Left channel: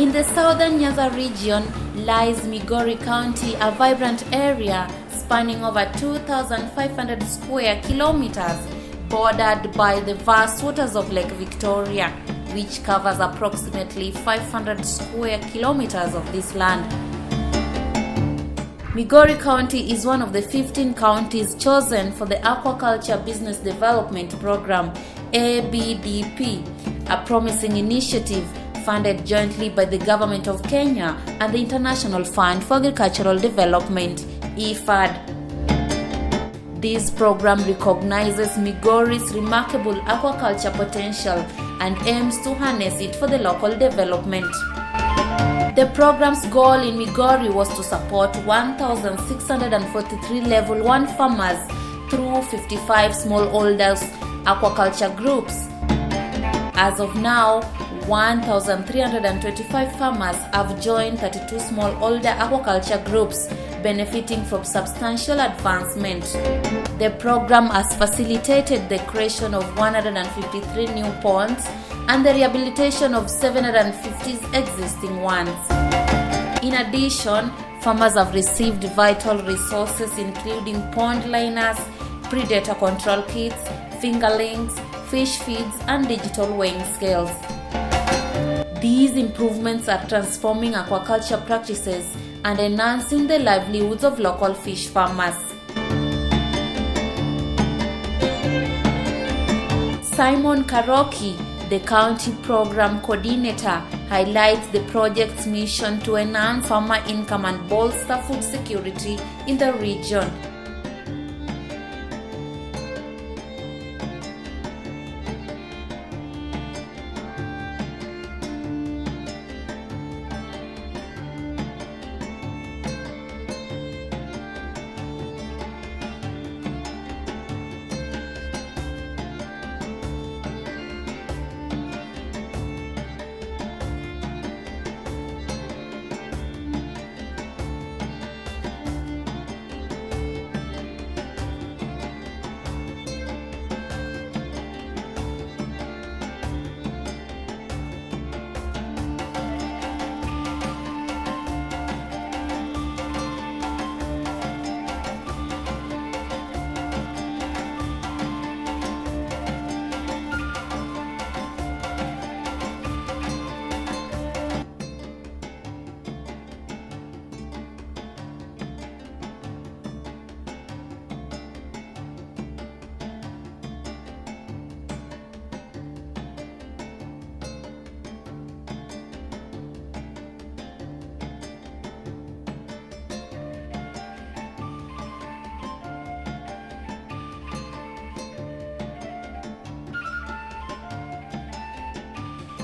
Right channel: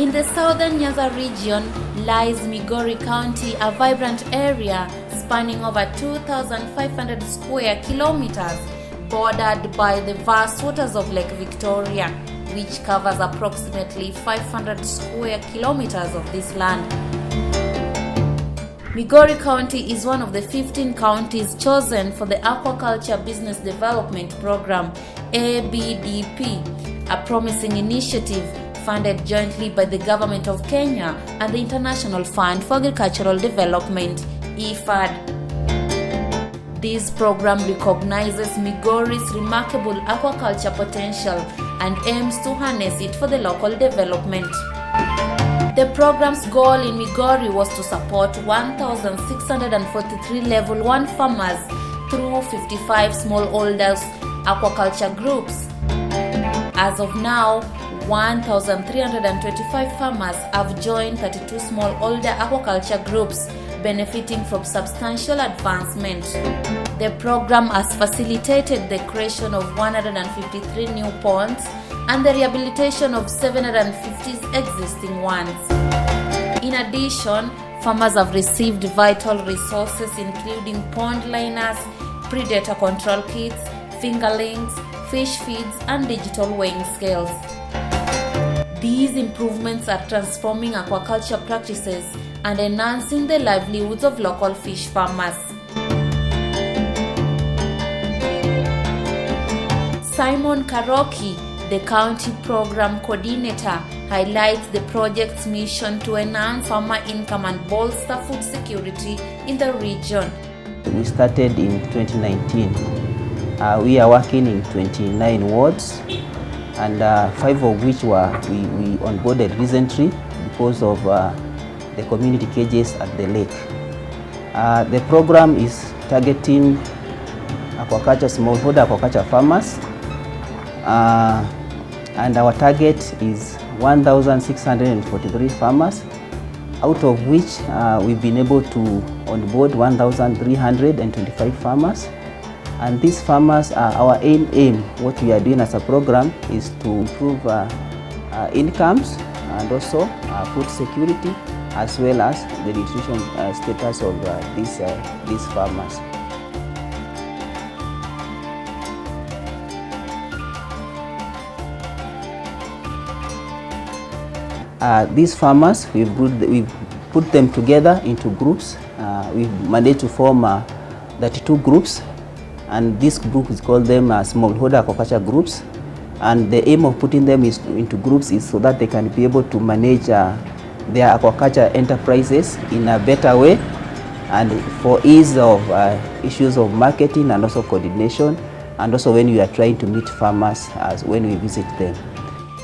In the southern Nyanza region lies Migori County, a vibrant area spanning over 2,500 square kilometers, bordered by the vast waters of Lake Victoria, which covers approximately 500 square kilometers of this land. Migori County is one of the 15 counties chosen for the Aquaculture Business Development Program, ABDP, a promising initiative funded jointly by the Government of Kenya and the International Fund for Agricultural Development, IfAD. This program recognizes Migori's remarkable aquaculture potential and aims to harness it for the local development. The program's goal in Migori was to support 1,643 Level 1 farmers through 55 smallholders aquaculture groups. As of now, 1,325 farmers have joined 32 smallholder aquaculture groups, benefiting from substantial advancement. The program has facilitated the creation of 153 new ponds and the rehabilitation of 750 existing ones. In addition, farmers have received vital resources including pond liners, predator control kits, fingerlings, fish feeds, and digital weighing scales. These improvements are transforming aquaculture practices and enhancing the livelihoods of local fish farmers. Simon Karoki, the county program coordinator, highlights the project's mission to enhance farmer income and bolster food security in the region. We started in 2019. We are working in 29 wards, and 5 of which we onboarded recently because of the community cages at the lake. The program is targeting smallholder aquaculture farmers, and our target is 1,643 farmers, out of which we've been able to onboard 1,325 farmers. And these farmers, our aim, what we are doing as a program is to improve incomes and also food security, as well as the nutrition status of these farmers. These farmers, we've put them together into groups. We've managed to form 32 groups, and this group is called them smallholder aquaculture groups. And the aim of putting them into groups is so that they can be able to manage their aquaculture enterprises in a better way, and for ease of issues of marketing and also coordination, and also when we are trying to meet farmers as when we visit them.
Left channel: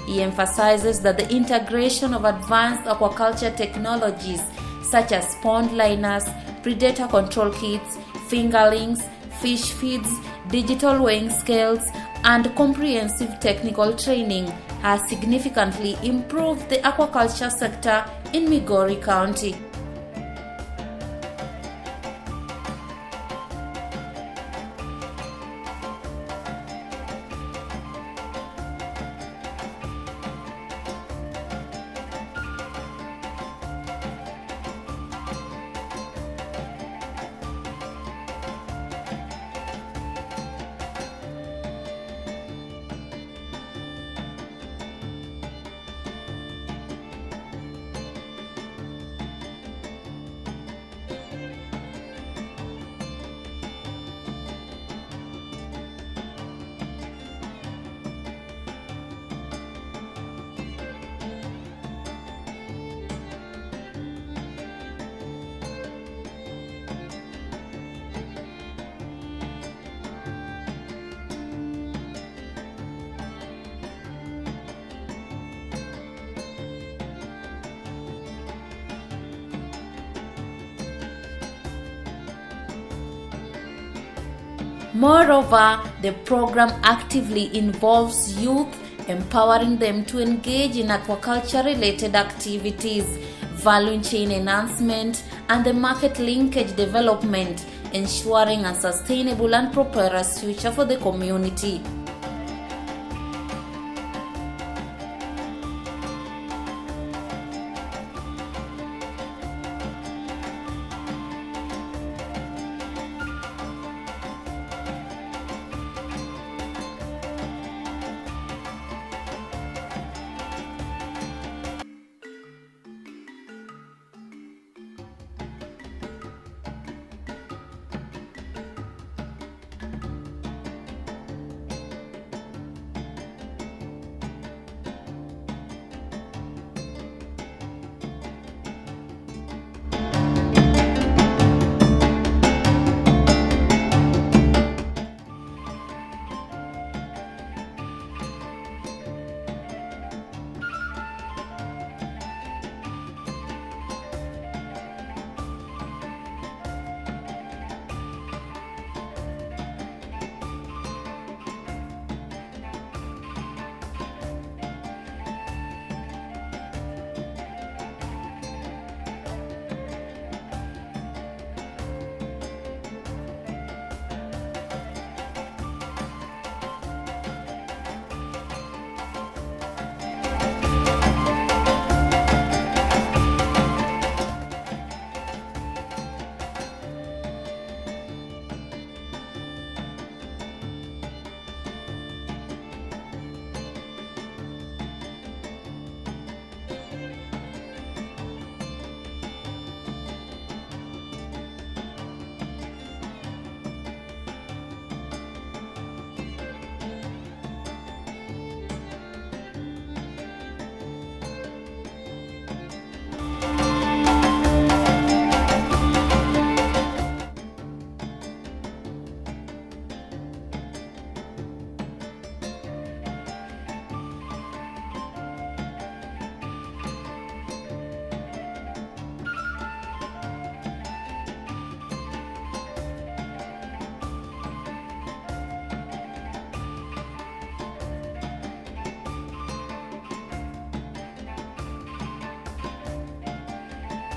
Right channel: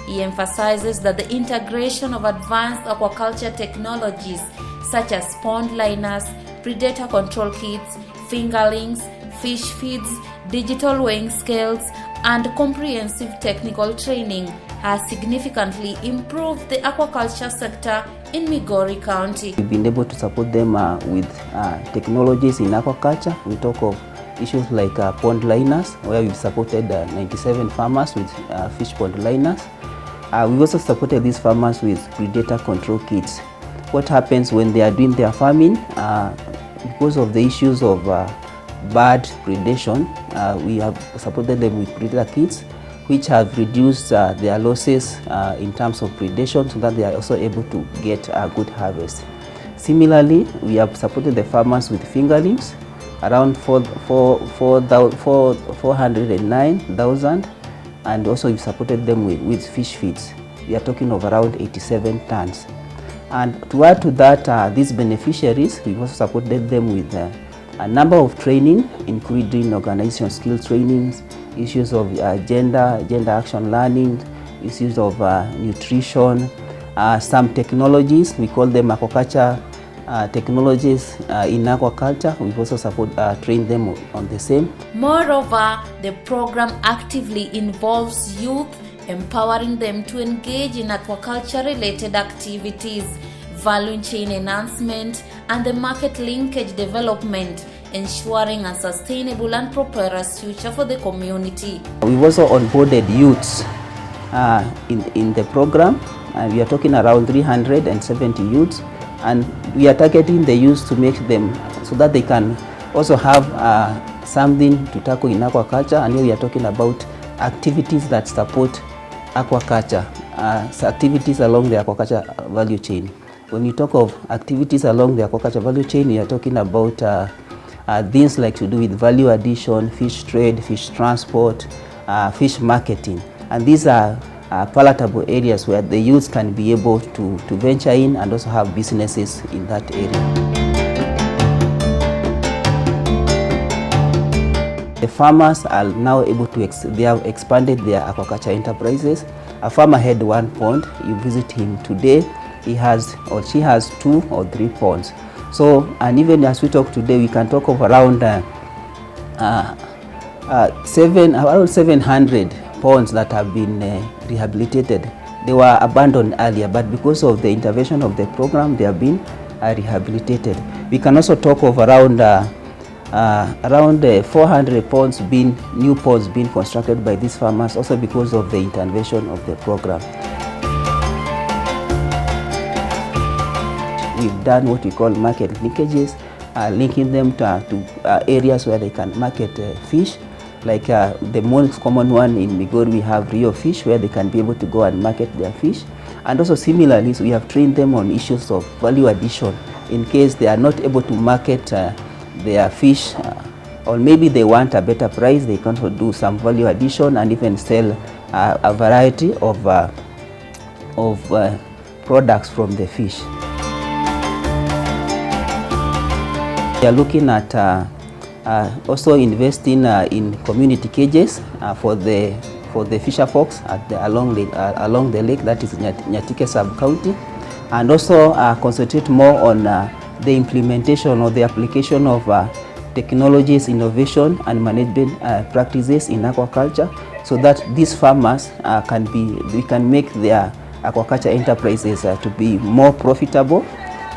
He emphasizes that the integration of advanced aquaculture technologies such as pond liners, predator control kits, fingerlings, fish feeds, digital weighing scales, and comprehensive technical training has significantly improved the aquaculture sector in Migori County. We've been able to support them with technologies in aquaculture. We talk of issues like pond liners, where we've supported 97 farmers with fish pond liners. We've also supported these farmers with predator control kits. What happens when they are doing their farming, because of the issues of bird predation, we have supported them with predator kits, which have reduced their losses in terms of predation, so that they are also able to get a good harvest. Similarly, we have supported the farmers with fingerlings, around 409,000, and also we supported them with fish feeds. We are talking of around 87 tons. And to add to that, these beneficiaries, we also supported them with a number of training, including organizational skill trainings, issues of gender action learning, issues of nutrition, some technologies, we call them aquaculture technologies in aquaculture. We also train them on the same. Moreover, the program actively involves youth, empowering them to engage in aquaculture-related activities, value chain enhancement, and the market linkage development, ensuring a sustainable and prosperous future for the community. We've also onboarded youths in the program, and we are talking around 370 youths, and we are targeting the youths to make them so that they can also have something to tackle in aquaculture. And here we are talking about activities that support aquaculture, activities along the aquaculture value chain. When you talk of activities along the aquaculture value chain, we are talking about things like to do with value addition, fish trade, fish transport, fish marketing. And these are palatable areas where the youth can be able to venture in and also have businesses in that area. The farmers are now able to, they have expanded their aquaculture enterprises. A farmer had one pond. You visit him today, he has or she has 2 or 3 ponds. So, and even as we talk today, we can talk of around 700 ponds that have been rehabilitated. They were abandoned earlier, but because of the intervention of the program, they have been rehabilitated. We can also talk of around 400 ponds new ponds being constructed by these farmers, also because of the intervention of the program. We've done what we call market linkages, linking them to areas where they can market fish. Like the most common one in Migori, we have Rio fish, where they can be able to go and market their fish. And also similarly, so we have trained them on issues of value addition in case they are not able to market their fish, or maybe they want a better price, they can also do some value addition and even sell a variety of products from the fish. We are looking at also investing in community cages for the fisher folks along the lake, that is Nyatike sub-county, and also concentrate more on the implementation or the application of technologies, innovation and management practices in aquaculture, so that these farmers we can make their aquaculture enterprises to be more profitable,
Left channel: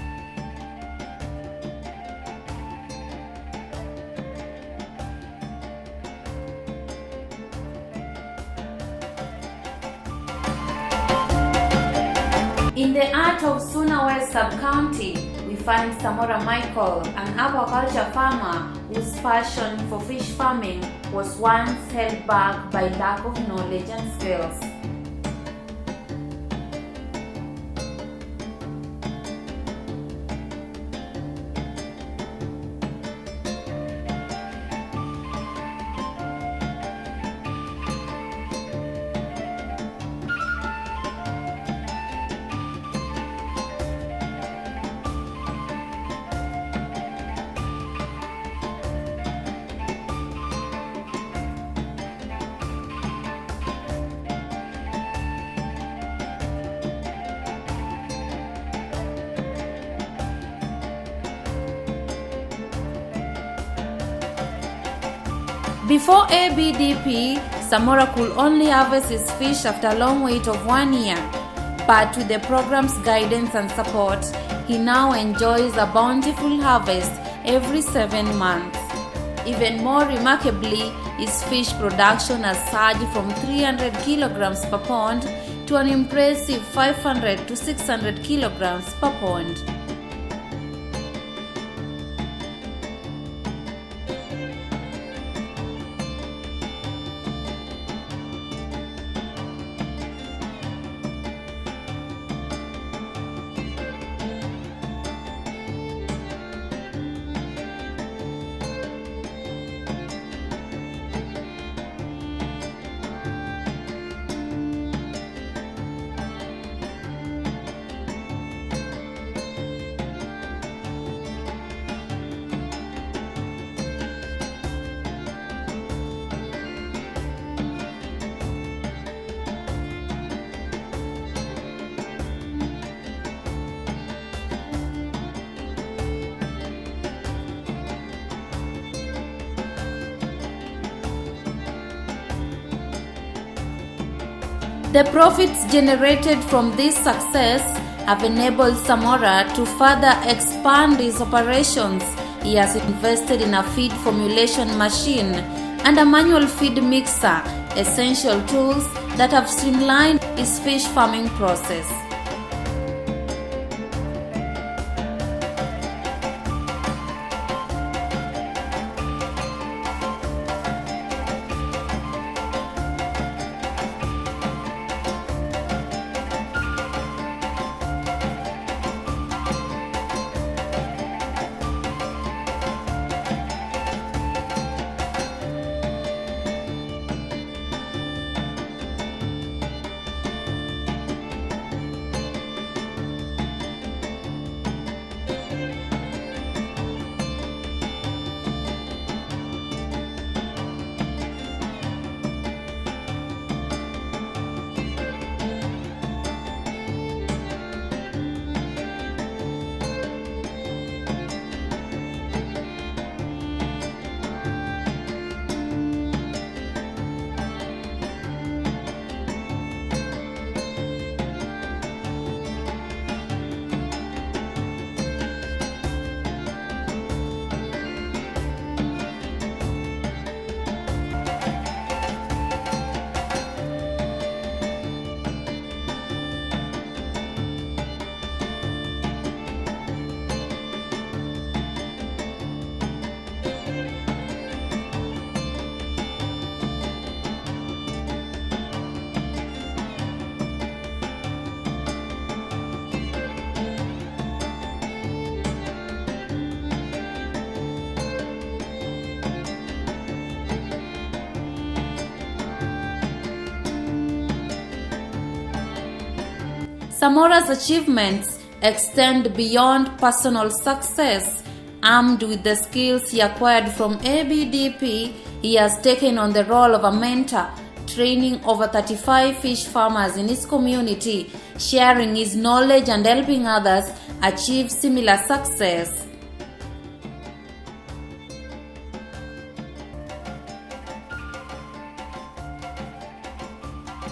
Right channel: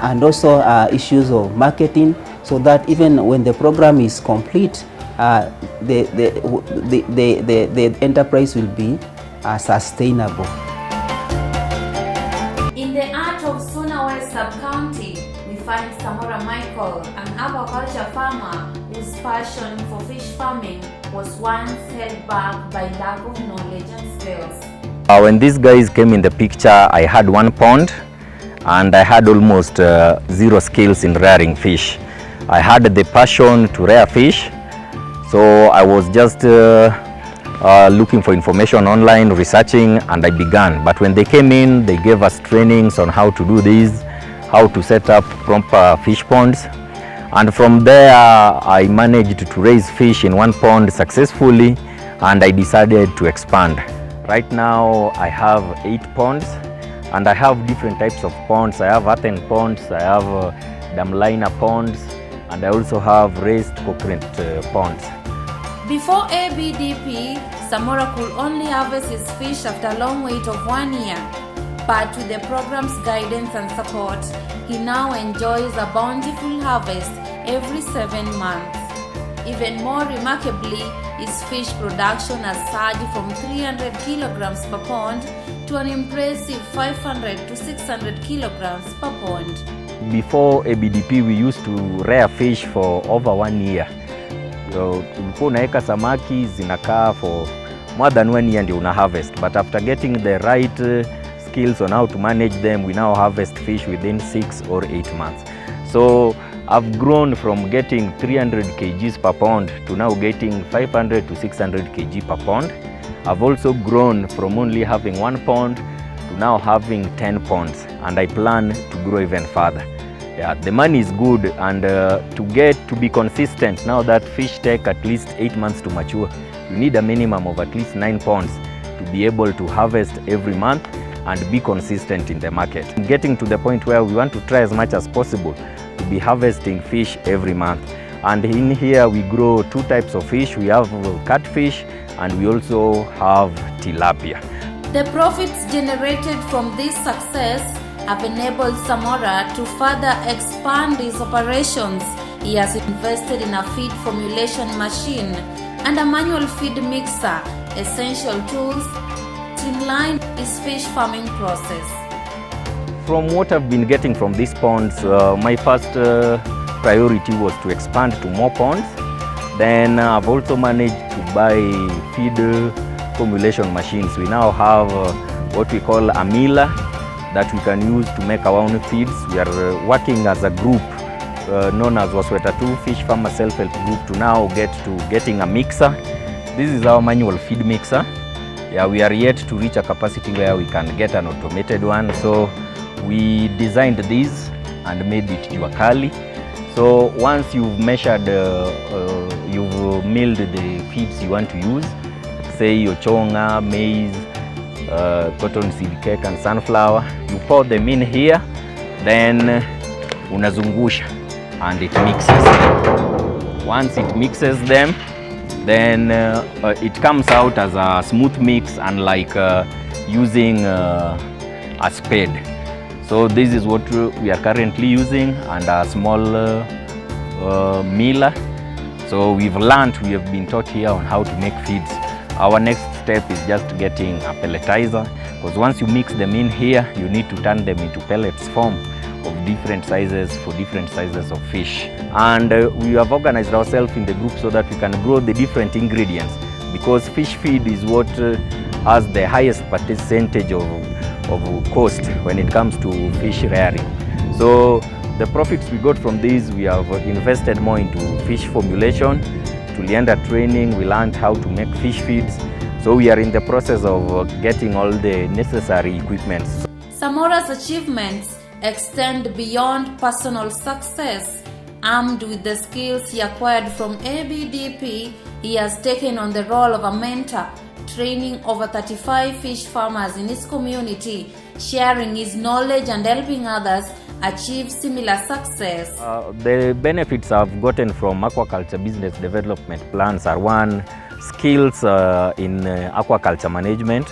and also issues of marketing, so that even when the program is complete, the enterprise will be sustainable. In the heart of Suna West Sub-County, we find Samora Michael, an aquaculture farmer whose passion for fish farming was once held back by lack of knowledge and skills. When these guys came in the picture, I had 1 pond and I had almost 0 skills in rearing fish. I had the passion to rear fish, so I was just looking for information online, researching, and I began. But when they came in, they gave us trainings on how to do this, how to set up proper fish ponds. And from there, I managed to raise fish in 1 pond successfully, and I decided to expand. Right now, I have 8 ponds, and I have different types of ponds. I have earthen ponds, I have dam liner ponds, and I also have raised coconut ponds. Before ABDP, Samora could only harvest his fish after a long wait of 1 year. But with the program's guidance and support, he now enjoys a bountiful harvest every 7 months. Even more remarkably, his fish production has surged from 300 kilograms per pond to an impressive 500 to 600 kilograms per pond. Before ABDP, we used to rear fish for over 1 year. So, tulikuwa unaweka samaki zinakaa for more than 1 year ndio una harvest. But after getting the right skills on how to manage them, we now harvest fish within 6 or 8 months. So I've grown from getting 300 kgs per pond to now getting 500 to 600 kg per pond. I've also grown from only having 1 pond to now having 10 ponds, and I plan to grow even further. Yeah, the money is good, and to be consistent, now that fish take at least 8 months to mature, you need a minimum of at least 9 ponds to be able to harvest every month and be consistent in the market. Getting to the point where we want to try as much as possible to be harvesting fish every month. And in here we grow 2 types of fish. We have catfish and we also have tilapia. The profits generated from this success have enabled Samora to further expand his operations. He has invested in a feed formulation machine and a manual feed mixer, essential tools that have streamlined his fish farming process. from what I've been getting from these ponds, my first priority was to expand to more ponds. Then I've also managed to buy feed formulation machines. We now have what we call a miller that we can use to make our own feeds. We are working as a group known as Wasweta 2 Fish Farmer Self-Help Group to now getting a mixer. This is our manual feed mixer. Yeah, we are yet to reach a capacity where we can get an automated one. So we designed this and made it Juakali. So once you've measured, you've milled the feeds you want to use, say your chonga, maize, cottonseed cake and sunflower, you pour them in here, then unazungusha and it mixes. Once it mixes them, then it comes out as a smooth mix, unlike using a spade. So this is what we are currently using, and a small miller. So we have been taught here on how to make feeds. Our next step is just getting a pelletizer, because once you mix them in here, you need to turn them into pellets form of different sizes for different sizes of fish. And we have organized ourselves in the group so that we can grow the different ingredients, because fish feed is what has the highest percentage of cost when it comes to fish rearing. So the profits we got from this, we have invested more into fish formulation. Tulienda training, we learned how to make fish feeds. So we are in the process of getting all the necessary equipment. Samora's achievements extend beyond personal success. Armed with the skills he acquired from ABDP, he has taken on the role of a mentor, training over 35 fish farmers in his community, sharing his knowledge and helping others achieve similar success. The benefits I've gotten from aquaculture business development plans are: one, skills in aquaculture management.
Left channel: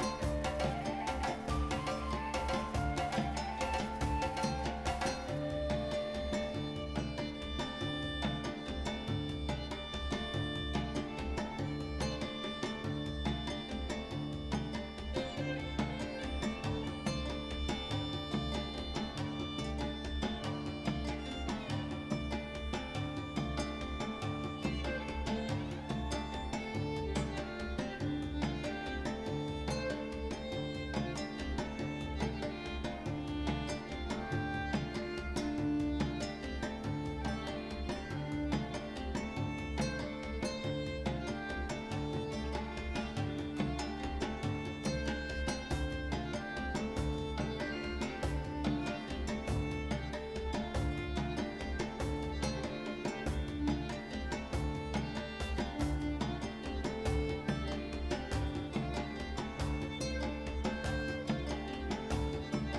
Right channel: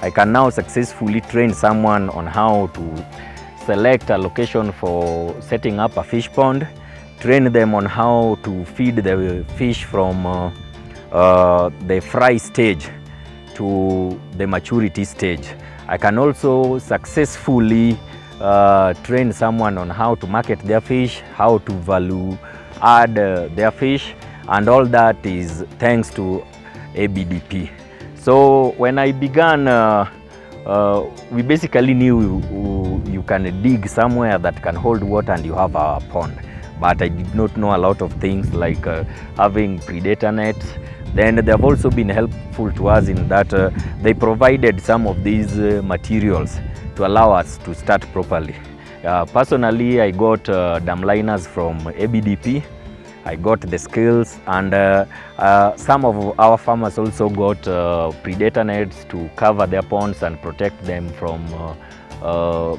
I can now successfully train someone on how to select a location for setting up a fish pond, train them on how to feed the fish from the fry stage to the maturity stage. I can also successfully train someone on how to market their fish, how to value add their fish, and all that is thanks to ABDP. So when I began, we basically knew you can dig somewhere that can hold water and you have a pond. But I did not know a lot of things like having predator nets. Then they have also been helpful to us in that they provided some of these materials to allow us to start properly. Personally, I got dam liners from ABDP. I got the skills, and some of our farmers also got predator nets to cover their ponds and protect them from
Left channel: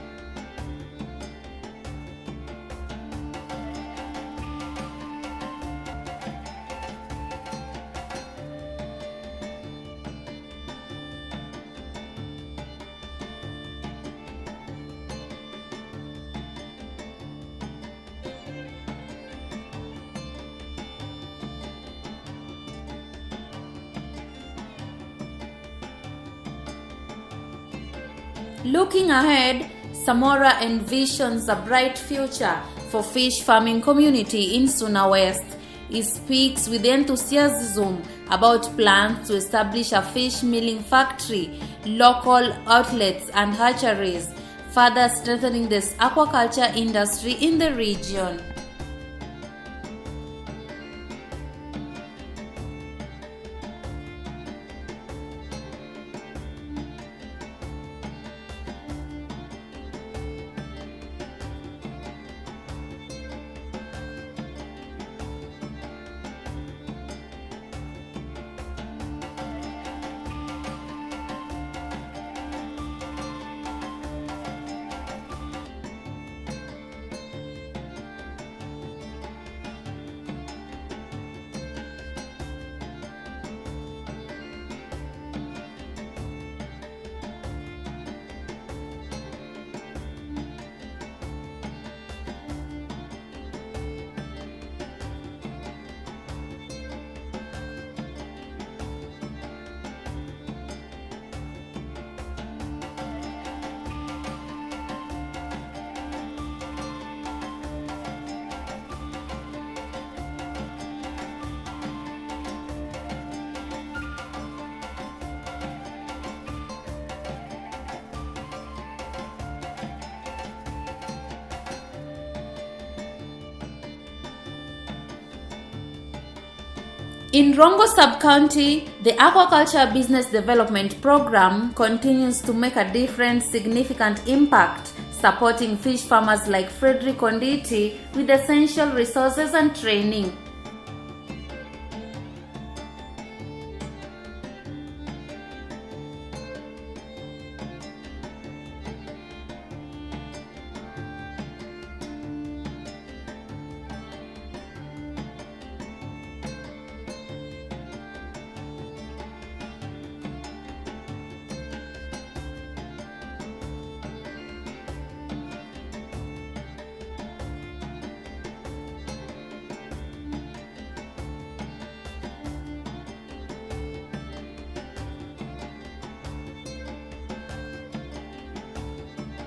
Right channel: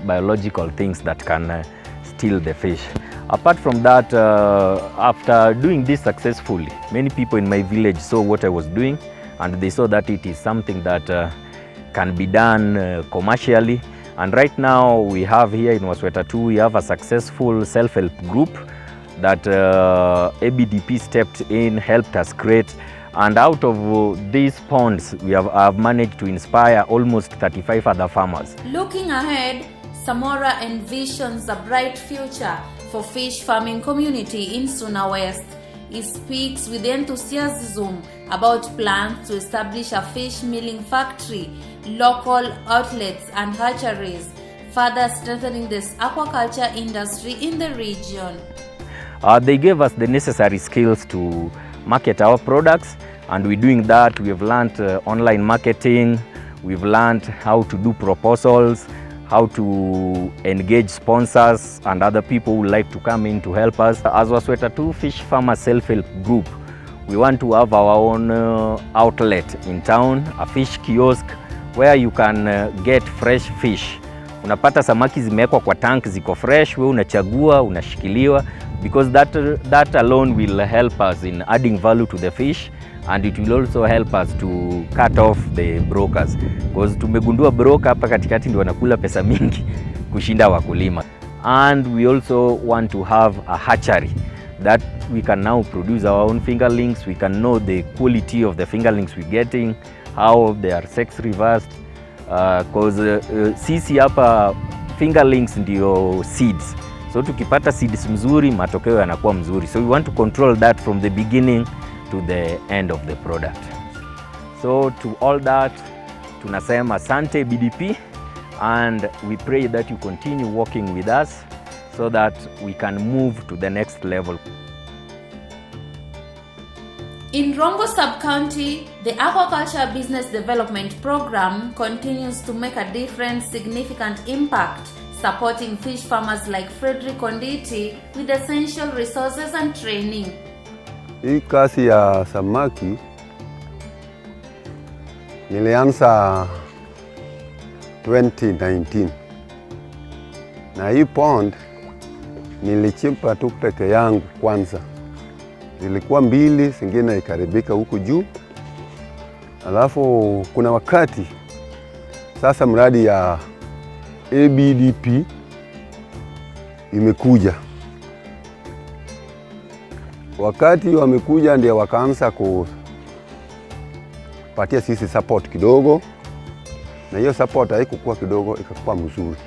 biological things that can steal the fish. Apart from that, after doing this successfully, many people in my village saw what I was doing, and they saw that it is something that can be done commercially. And right now we have here in Wasweta 2, we have a successful self-help group that ABDP stepped in, helped us create. And out of these ponds, we have managed to inspire almost 35 other farmers. Looking ahead, Samora envisions a bright future for fish farming community in Suna West. He speaks with enthusiasm about plans to establish a fish milling factory, local outlets and hatcheries, further strengthening this aquaculture industry in the region. They gave us the necessary skills to market our products, and we're doing that. We've learned online marketing, we've learned how to do proposals, how to engage sponsors and other people who like to come in to help us. As Wasweta 2 Fish Farmer Self-Help Group, we want to have our own outlet in town, a fish kiosk where you can get fresh fish. Unapata samaki zimewekwa kwa tank, ziko fresh, wewe unachagua, unashikiliwa, because that alone will help us in adding value to the fish, and it will also help us to cut off the brokers, because tumegundua broker hapa katikati ndio wanakula pesa mingi kushinda wakulima. And we also want to have a hatchery that we can now produce our own fingerlings. We can know the quality of the fingerlings we're getting, how they are sex reversed, because sisi hapa fingerlings ndio seeds. So tukipata seeds mzuri, matokeo yanakuwa mzuri. So we want to control that from the beginning to the end of the product. So to all that, tunasema asante ABDP, and we pray that you continue working with us so that we can move to the next level. In Rongo Sub-County, the Aquaculture Business Development Program continues to make a different, significant impact, supporting fish farmers like Frederick Onditi with essential resources and training. Hii kazi ya samaki nilianza 2019. Na hii pond nilichimpa tu peke yangu kwanza. Ilikuwa 2, zingine ikaribika huku juu. Alafu kuna wakati sasa mradi ya ABDP imekuja. Wakati wamekuja ndio wakaanza kupatia sisi support kidogo, na hiyo support haikuwa kidogo, ikakuwa mzuri.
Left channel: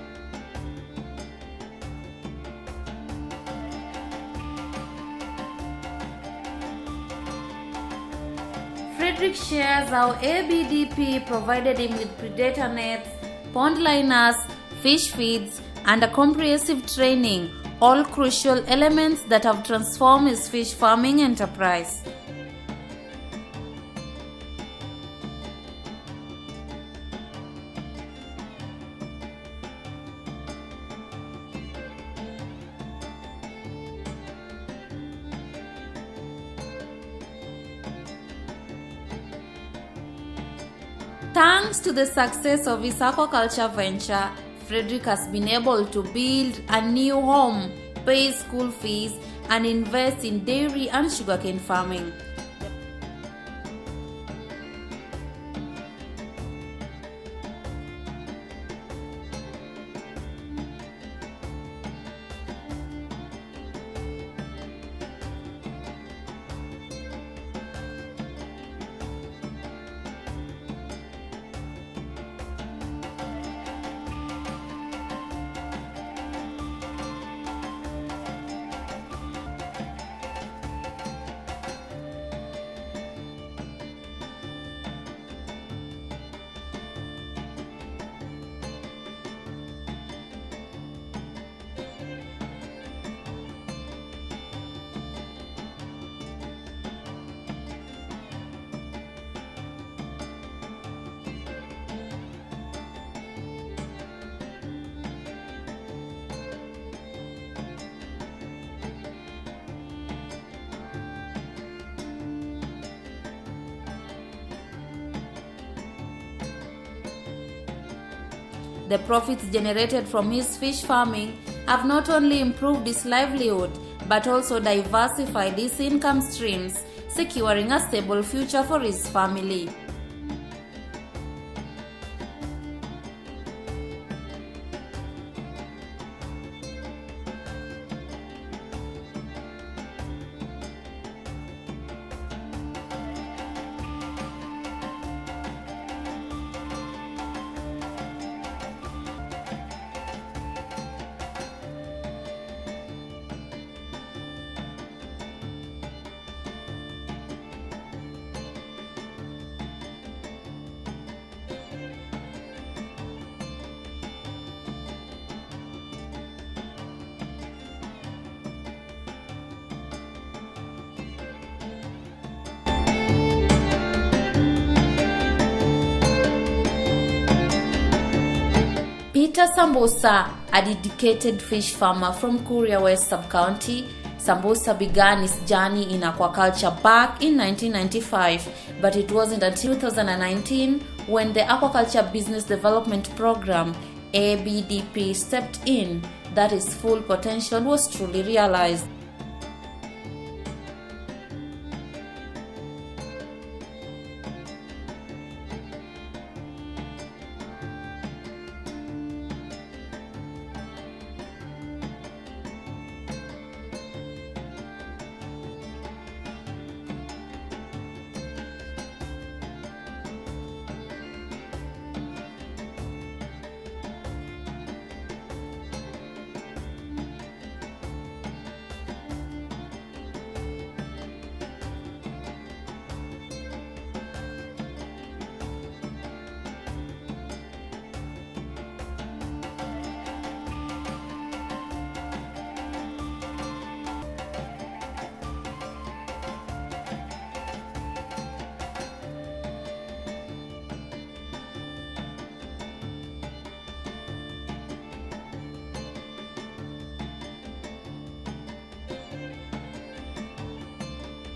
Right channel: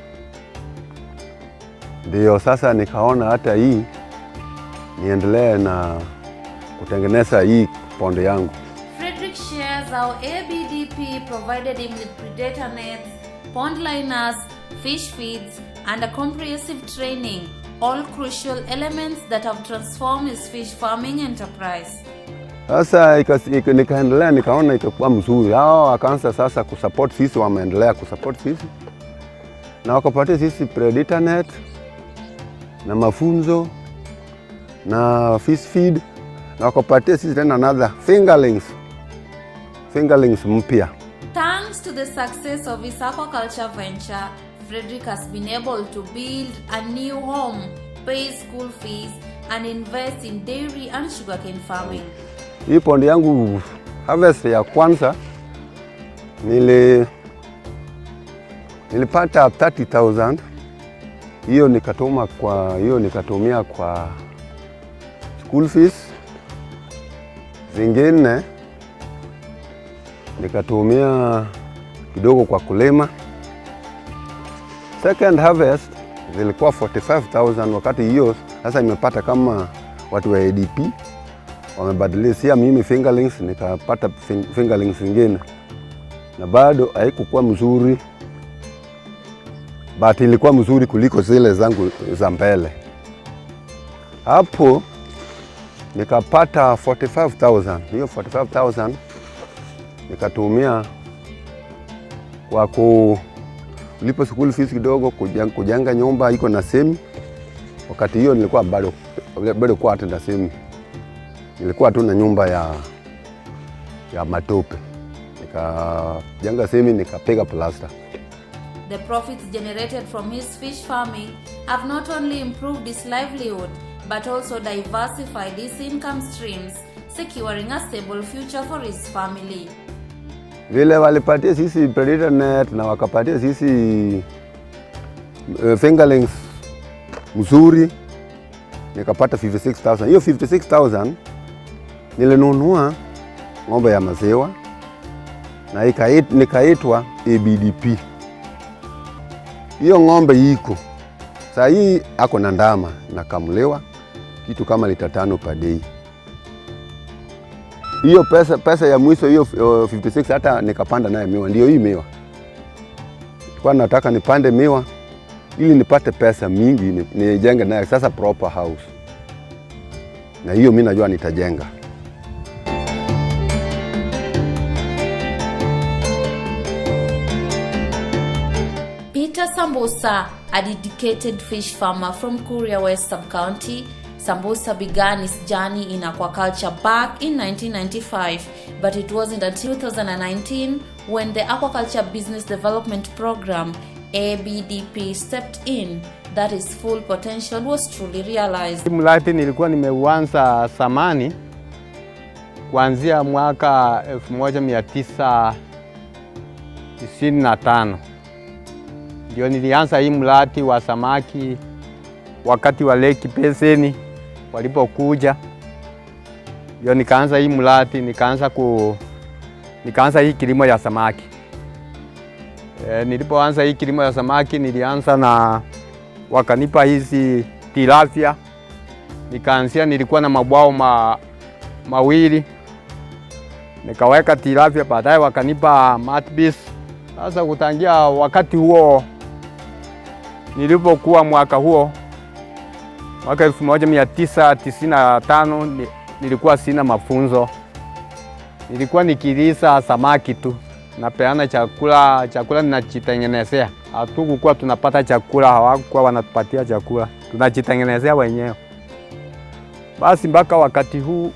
Ndio sasa nikaona hata hii niendelee na kutengeneza hii pond yangu. Frederick shares how ABDP provided him with predator nets, pond liners, fish feeds, and a comprehensive training, all crucial elements that have transformed his fish farming enterprise. Sasa nikaendelea, nikaona ikakuwa mzuri. Hao wakaanza sasa kusupport sisi, wameendelea kusupport sisi. Na wakapatia sisi predator net na mafunzo na fish feed, na wakapatia sisi tena another fingerlings mpya. Thanks to the success of his aquaculture venture, Frederick has been able to build a new home, pay school fees, and invest in dairy and sugarcane farming. Hii pond yangu harvest ya kwanza nilipata 30,000. Hiyo nikatumia kwa school fees. Zingine nikatumia kidogo kwa kulima. Second harvest zilikuwa 45,000. Wakati hiyo sasa nimepata kama watu wa ABDP wamebadilishia mimi fingerlings, nikapata fingerlings zingine, na bado haikuwa mzuri, but ilikuwa mzuri kuliko zile zangu za mbele. Hapo nikapata 45,000. Hiyo 45,000 nikatumia kwa kulipa school fees kidogo, kujenga nyumba iko na semi. Wakati hiyo nilikuwa bado kwa atenda semi. Nilikuwa tu na nyumba ya matope. Nikajenga semi, nikapiga plaster. The profits generated from his fish farming have not only improved his livelihood, but also diversified his income streams, securing a stable future for his family. Vile walipatia sisi predator net na wakapatia sisi fingerlings mzuri, nikapata 56,000. Hiyo 56,000 nilinunua ng'ombe ya maziwa na nikaitwa ABDP. Hiyo ng'ombe iko saa hii ako na ndama na kamulewa kitu kama lita 5 per day. Hiyo pesa ya mwisho hiyo 56 hata nikapanda naye miwa. Ndio hii miwa. Kwa nataka nipande miwa ili nipate pesa mingi nijenge naye sasa proper house. Na hiyo mimi najua nitajenga. Peter Sambusa, a dedicated fish farmer from Kuria West Sub-County, Sambusa began his journey in aquaculture back in 1995, but it wasn't until 2019 when the Aquaculture Business Development Program, ABDP, stepped in that his full potential was truly realized. Mradi nilikuwa nimeuanza zamani kuanzia mwaka 1995. Ndio nilianza hii mradi wa samaki wakati wa Lake Peseni walipokuja. Ndio nikaanza hii mradi, nikaanza hii kilimo ya samaki. Nilipoanza hii kilimo ya samaki nilianza na wakanipa hizi tilapia. Nikaanzia nilikuwa na mabwao mawili. Nikaweka tilapia, baadaye wakanipa matbis. Sasa kutangia wakati huo nilipokuwa mwaka 1995 nilikuwa sina mafunzo. Nilikuwa nikilisa samaki tu. Napeana chakula ninajitengenezea. Hatukukuwa tunapata chakula, hawakuwa wanatupatia chakula. Tunajitengenezea wenyewe. Basi mpaka wakati huo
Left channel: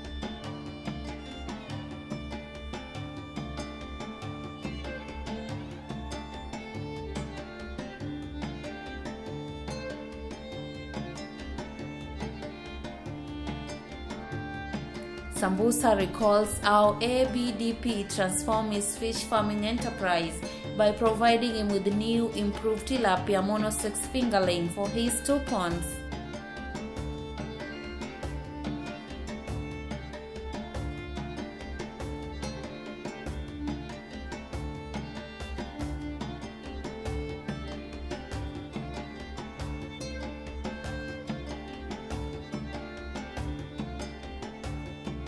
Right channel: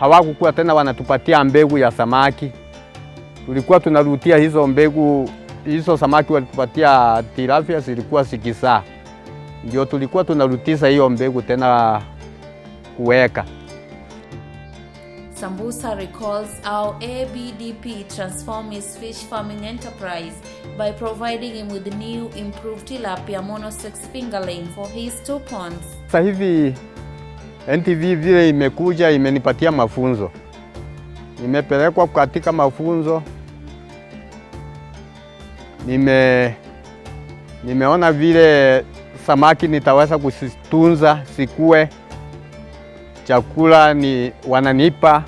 hawakukuwa tena wanatupatia mbegu ya samaki. Tulikuwa tunarutia hizo mbegu, hizo samaki walitupatia tilapia zilikuwa sikisa. Ndio tulikuwa tunarutisa hiyo mbegu tena kuweka. Sambusa recalls how ABDP transformed his fish farming enterprise by providing him with new improved tilapia mono-6 fingerling for his 2 ponds. Sasa hivi NTV vile imekuja imenipatia mafunzo. Nimepelekwa katika mafunzo. Nimeona vile samaki nitaweza kuzitunza sikue. Chakula wananipa.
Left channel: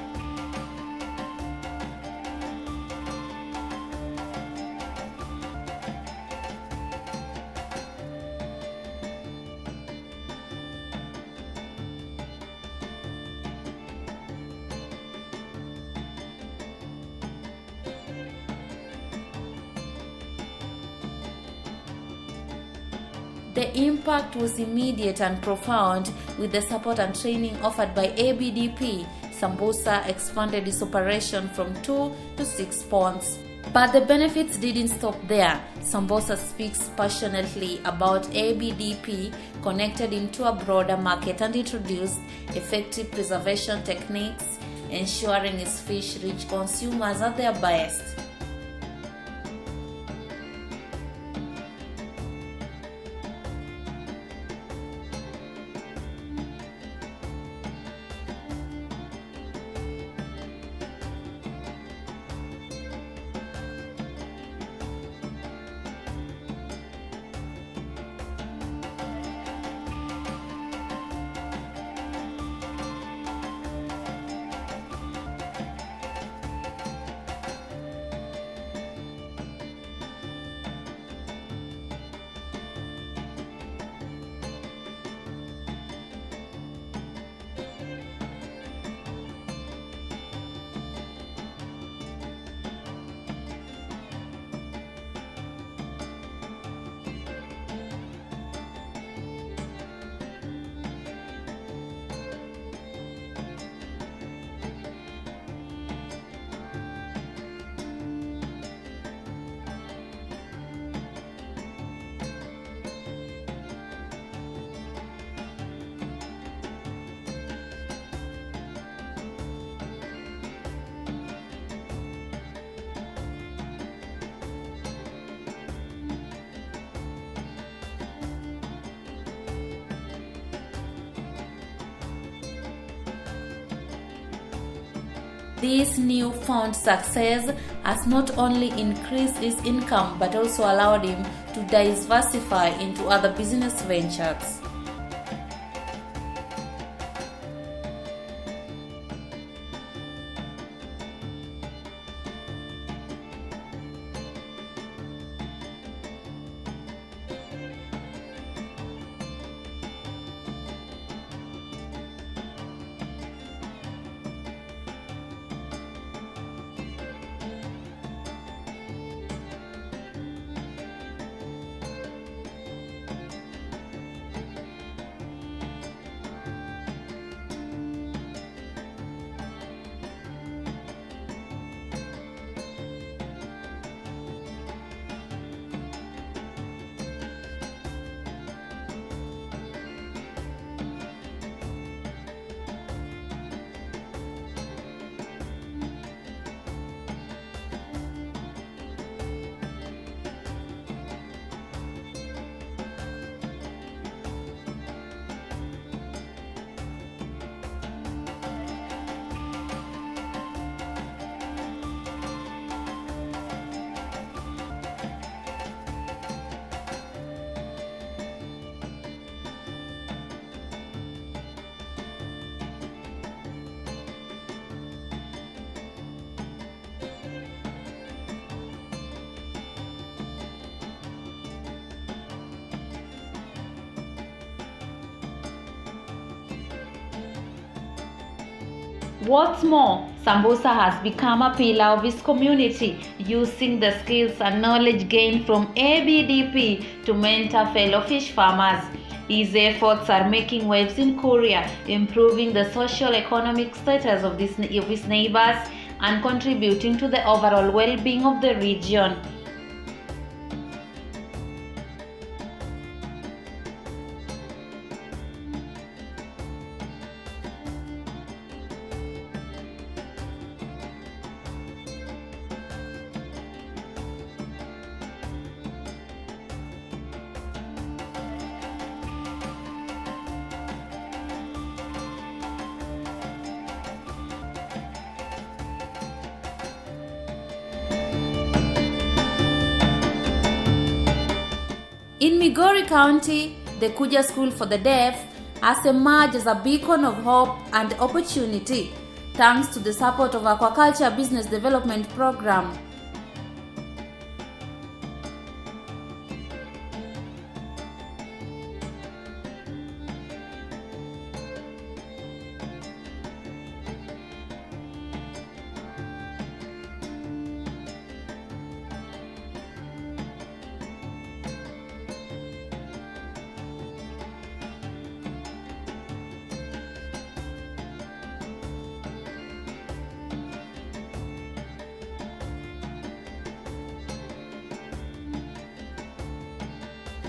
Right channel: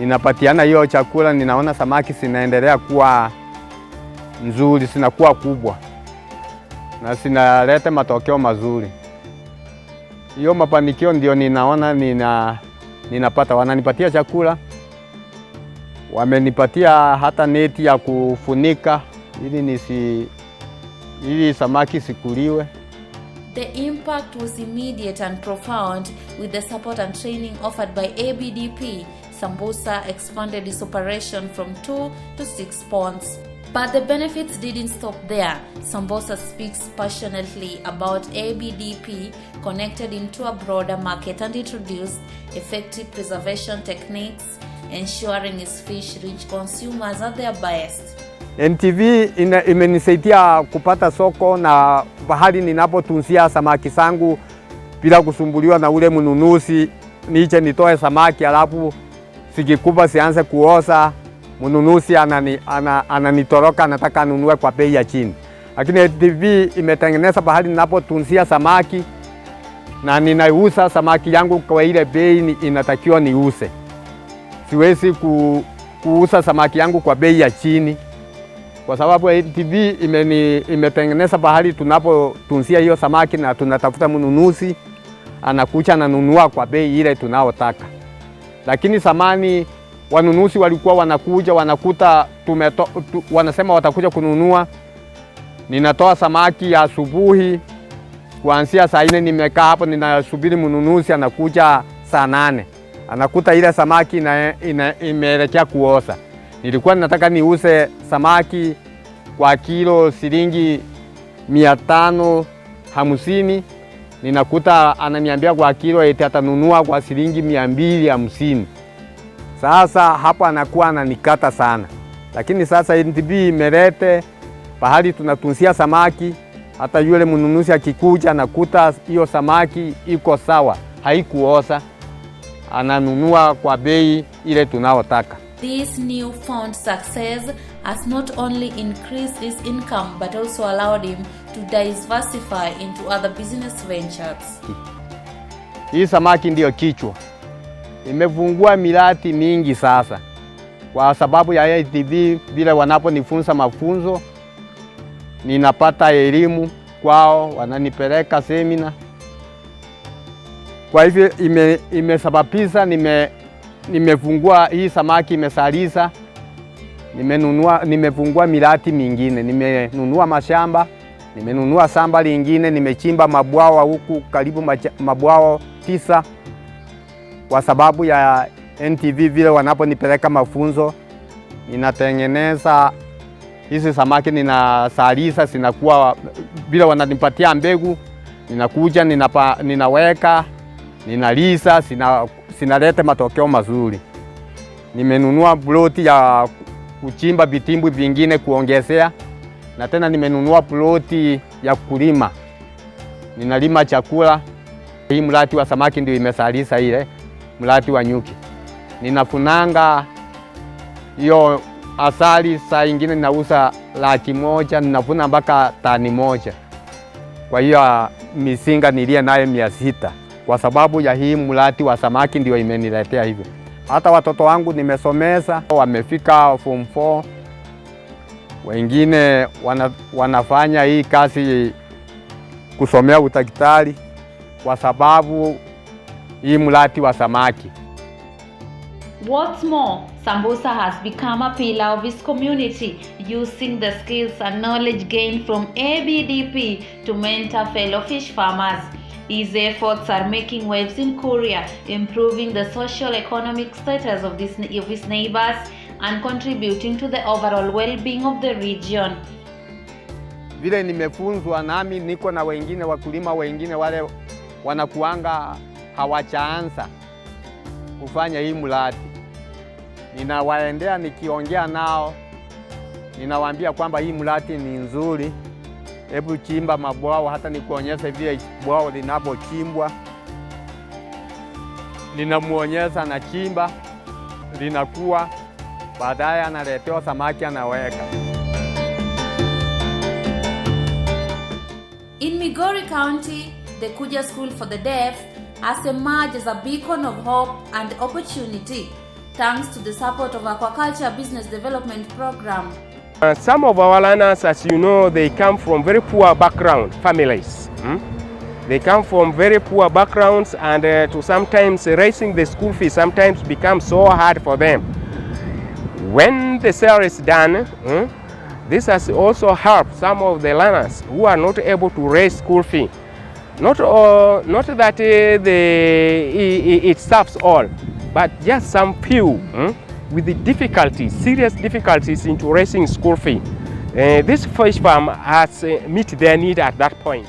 Ninapatiana hiyo chakula, ninaona samaki zinaendelea kuwa nzuri, zinakuwa kubwa. Na zinaleta matokeo mazuri. Hiyo mafanikio ndio ninaona ninapata. Wananipatia chakula. Wamenipatia hata neti ya kufunika ili samaki sikuliwe. The impact was immediate and profound. With the support and training offered by ABDP, Sambusa expanded its operation from 2 to 6 ponds. But the benefits didn't stop there. Sambusa speaks passionately about ABDP, connected him to a broader market and introduced effective preservation techniques, ensuring his fish reach consumers at their best. NTV imenisaidia kupata soko na pahali ninapotunzia samaki zangu bila kusumbuliwa na ule mnunuzi. Niche nitoe samaki alafu sikikuba sianze kuoza, mnunuzi ananitoroka, anataka anunue kwa bei ya chini. Lakini NTV imetengeneza pahali ninapotunzia samaki na ninauza samaki yangu kwa ile bei inatakiwa niuze. Siwezi kuuza samaki yangu kwa bei ya chini. Kwa sababu ABDP imetengeneza pahali tunapotunzia hiyo samaki na tunatafuta mnunuzi, anakuja ananunua kwa bei ile tunaotaka. Lakini zamani wanunuzi walikuwa wanakuja wanakuta wanasema watakuja kununua. Ninatoa samaki ya asubuhi kuanzia saa 4 nimekaa hapo ninasubiri mnunuzi, anakuja saa 8. Anakuta ile samaki imeelekea kuoza. Nilikuwa nataka niuze samaki kwa kilo shilingi 550. Ninakuta ananiambia kwa kilo eti atanunua kwa shilingi 250. Sasa hapo anakuwa ananikata sana. Lakini sasa NTV imelete pahali tunatunzia samaki, hata yule mnunuzi akikuja anakuta hiyo samaki iko sawa, haikuoza, ananunua kwa bei ile tunaotaka. This newfound success has not only increased his income but also allowed him to diversify into other business ventures. Hii samaki ndiyo kichwa. Imefungua miradi mingi sasa. Kwa sababu ya ABDP vile wanaponifunza mafunzo, ninapata elimu kwao, wananipeleka semina. Kwa hivyo imesababisha nimefungua hii samaki imesaliza. Nimefungua miradi mingine. Nimenunua mashamba, nimenunua shamba lingine, nimechimba mabwawa huku karibu mabwawa 9. Kwa sababu ya NTV vile wanaponipeleka mafunzo, ninatengeneza hizi samaki, ninasaliza, zinakuwa vile wananipatia mbegu, ninakuja ninaweka, ninalisa, sinalete matokeo mazuri. Nimenunua ploti ya kuchimba vitimbwi vingine kuongezea, na tena nimenunua ploti ya kulima. Ninalima chakula. Hii mradi wa samaki ndio imesalisa ile mradi wa nyuki. Ninafunanga hiyo asali saa ingine nauza 100,000, ninavuna mpaka tani 1. Kwa hiyo mizinga nilie nayo 600. Kwa sababu ya hii mradi wa samaki ndio imeniletea hivyo. Hata watoto wangu nimesomeza, wamefika form 4. Wengine wanafanya hii kazi kusomea udaktari kwa sababu hii mradi wa samaki. What's more, Sambusa has become a pillar of his community, using the skills and knowledge gained from ABDP to mentor fellow fish farmers. His efforts are making waves in Korea, improving the socio-economic status of his neighbors and contributing to the overall well-being of the region. Vile nimefunzwa, nami niko na wengine wakulima wengine wale wanakuanga hawachaanza kufanya hii mradi. Ninawaendea nikiongea nao, ninawaambia kwamba hii mradi ni nzuri. Hebu chimba mabwao, hata nikuonyesha vile bwao linapochimbwa. Ninamuonyesha na chimba, linakuwa, baadaye analetewa samaki anaweka. In Migori County, the Kuja School for the Deaf has emerged as a beacon of hope and opportunity, thanks to the support of Aquaculture Business Development Program. Some of our learners, as you know, they come from very poor background families. They come from very poor backgrounds, and to sometimes raising the school fees sometimes becomes so hard for them. When the sale is done, this has also helped some of the learners who are not able to raise school fee. Not that it serves all, but just some few with the difficulties, serious difficulties into raising school fee. This fish farm has met their need at that point.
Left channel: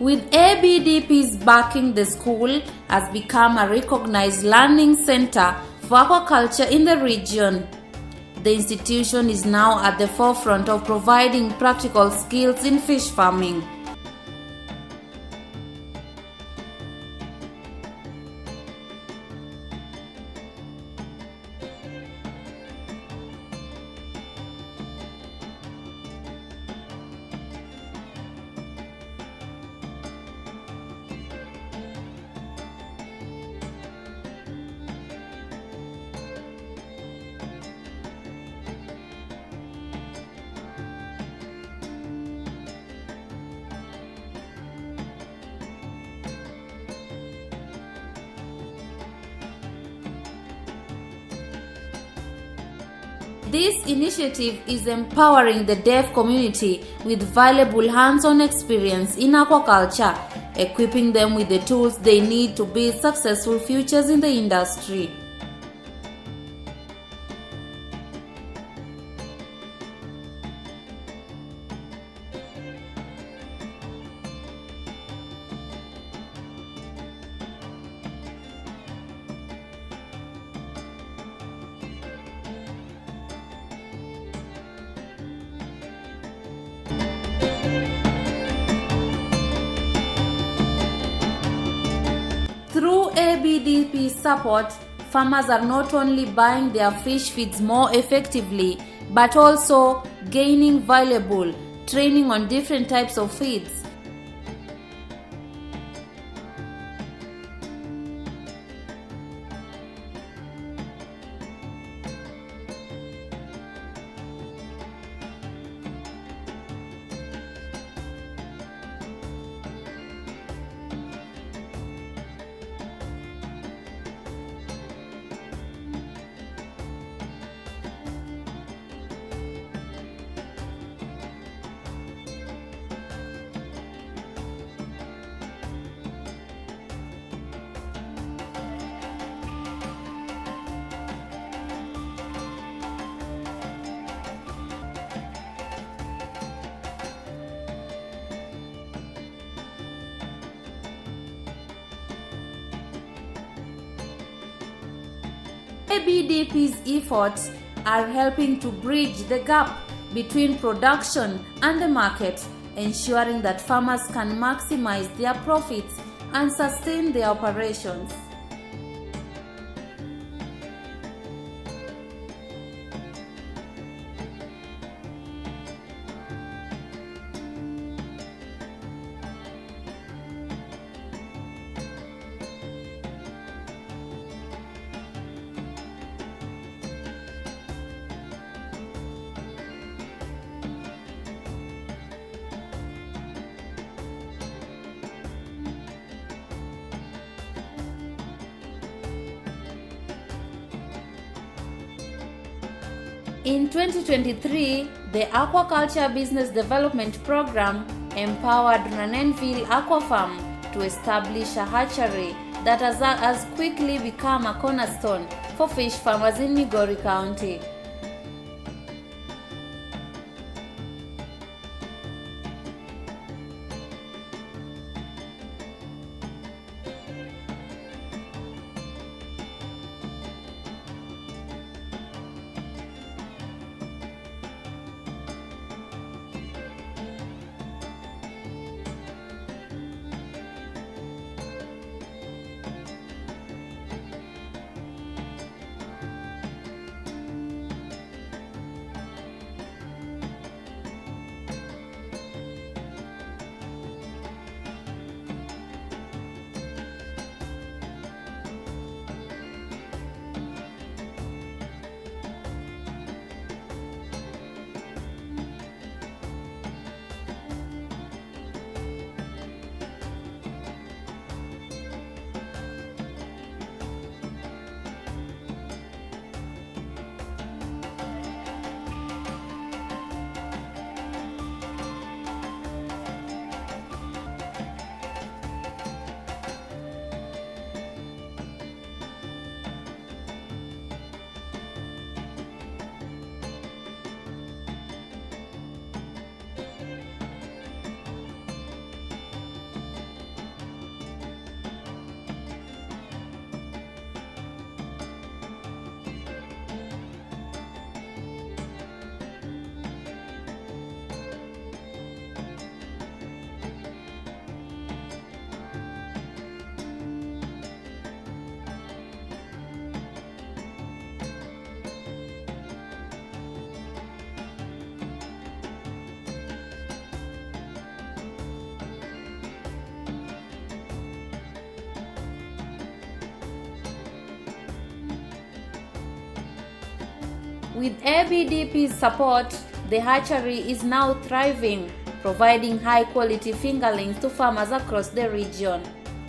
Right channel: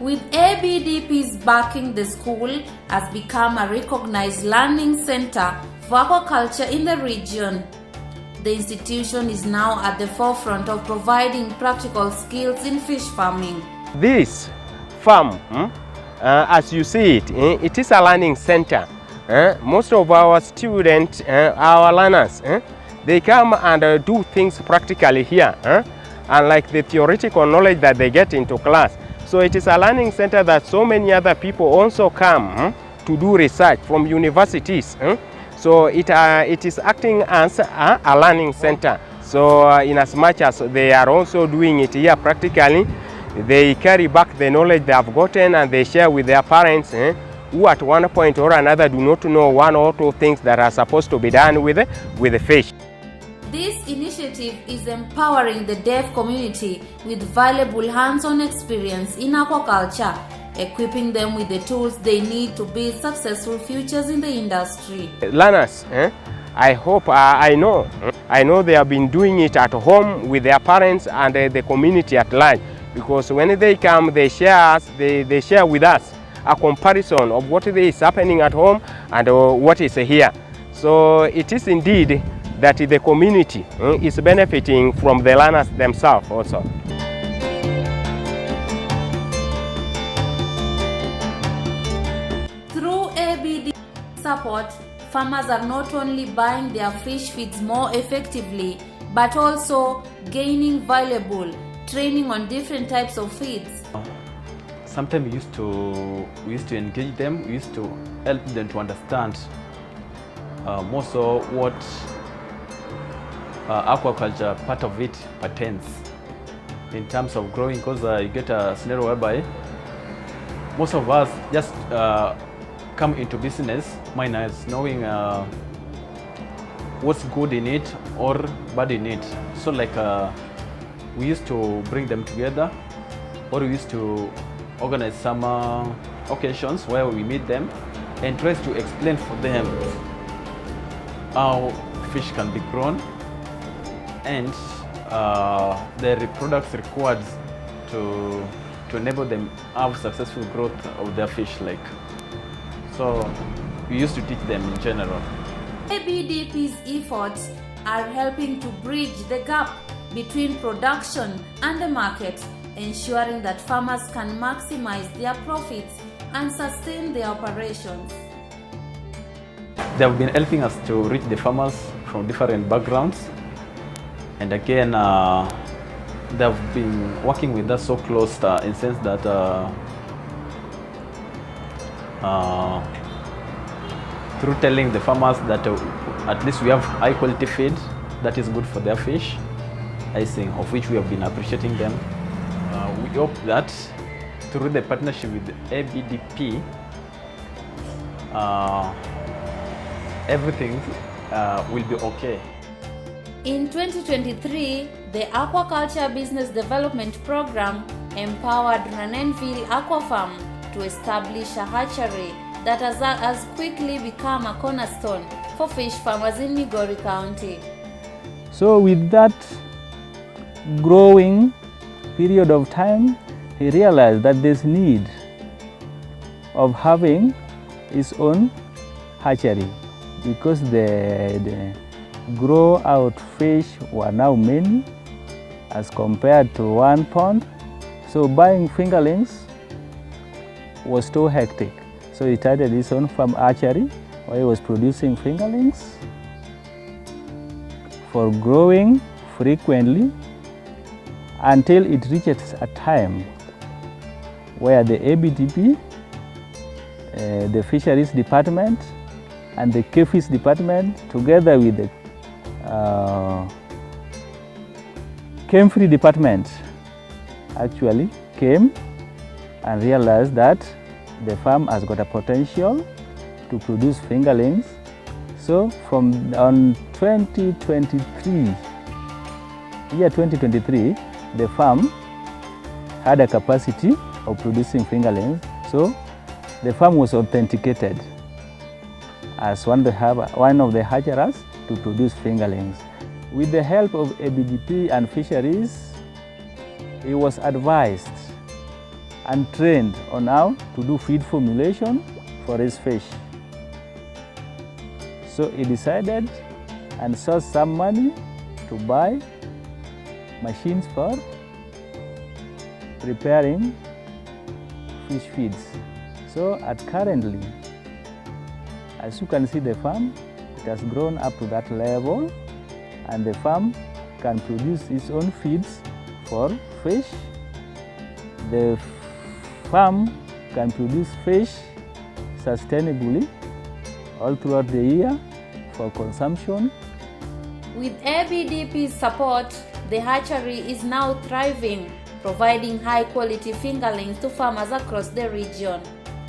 With ABDP's backing, the school has become a recognized learning center for aquaculture in the region. The institution is now at the forefront of providing practical skills in fish farming. This farm, as you see it, it is a learning center. Most of our students, our learners, they come and do things practically here, unlike the theoretical knowledge that they get into class. So it is a learning center that so many other people also come to do research from universities. So it is acting as a learning center. So in as much as they are also doing it here practically, they carry back the knowledge they have gotten and they share with their parents, who at one point or another do not know one or two things that are supposed to be done with the fish. This initiative is empowering the deaf community with valuable hands-on experience in aquaculture, equipping them with the tools they need to build successful futures in the industry. Learners, I hope, I know they have been doing it at home with their parents and the community at large, because when they come, they share with us a comparison of what is happening at home and what is here. So it is indeed that the community is benefiting from the learners themselves also. Through ABDP support, farmers are not only buying their fish feeds more effectively, but also gaining valuable training on different types of feeds. Sometimes we used to engage them, we used to help them to understand more so what aquaculture part of it pertains in terms of growing, because you get a scenario whereby most of us just come into business minus knowing what's good in it or bad in it. So like we used to bring them together, or we used to organize some occasions where we meet them and try to explain for them how fish can be grown and the products required to enable them have successful growth of their fish lake. So we used to teach them in general. ABDP's efforts are helping to bridge the gap between production and the market, ensuring that farmers can maximize their profits and sustain their operations. They have been helping us to reach the farmers from different backgrounds And again, they've been working with us so close in the sense that through telling the farmers that at least we have high quality feed that is good for their fish, I think, of which we have been appreciating them. We hope that through the partnership with ABDP, everything will be okay. In 2023, the Aquaculture Business Development Program empowered Ranenville Aqua Farm to establish a hatchery that has quickly become a cornerstone for fish farmers in Migori County. So with that growing period of time, he realized that there's need of having his own hatchery because the grow out fish were now many as compared to one pond. So buying fingerlings was too hectic. So he started his own farm hatchery where he was producing fingerlings for growing frequently until it reaches a time where the ABDP, the Fisheries Department and the K-Fish Department together with the Chemistry Department actually came and realized that the farm has got a potential to produce fingerlings. So from on 2023, the farm had a capacity of producing fingerlings. So the farm was authenticated as one of the hatcheries to produce fingerlings. With the help of ABDP and fisheries, he was advised and trained on how to do feed formulation for his fish. So he decided and sourced some money to buy machines for preparing fish feeds. So currently, as you can see, the farm has grown up to that level, and the farm can produce its own feeds for fish. The farm can produce fish sustainably all throughout the year for consumption. With ABDP's support, the hatchery is now thriving, providing high-quality fingerlings to farmers across the region.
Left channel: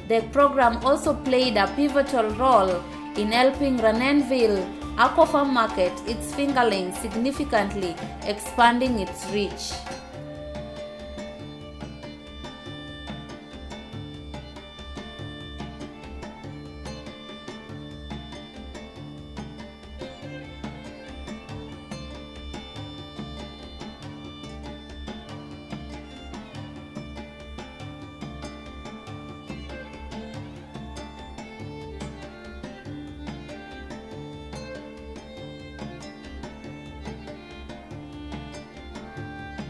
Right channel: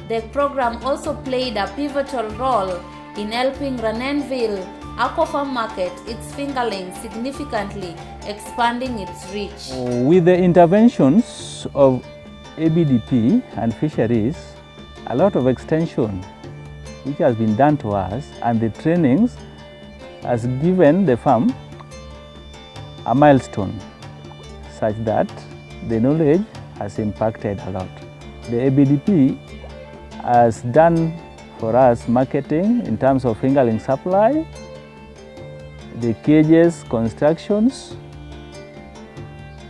The program also played a pivotal role in helping Ranenville Aquafarm market its fingerlings, significantly expanding its reach. With the interventions of ABDP and fisheries, a lot of extension which has been done to us, and the trainings has given the farm a milestone such that the knowledge has impacted a lot. The ABDP has done for us marketing in terms of fingerling supply, the cages constructions.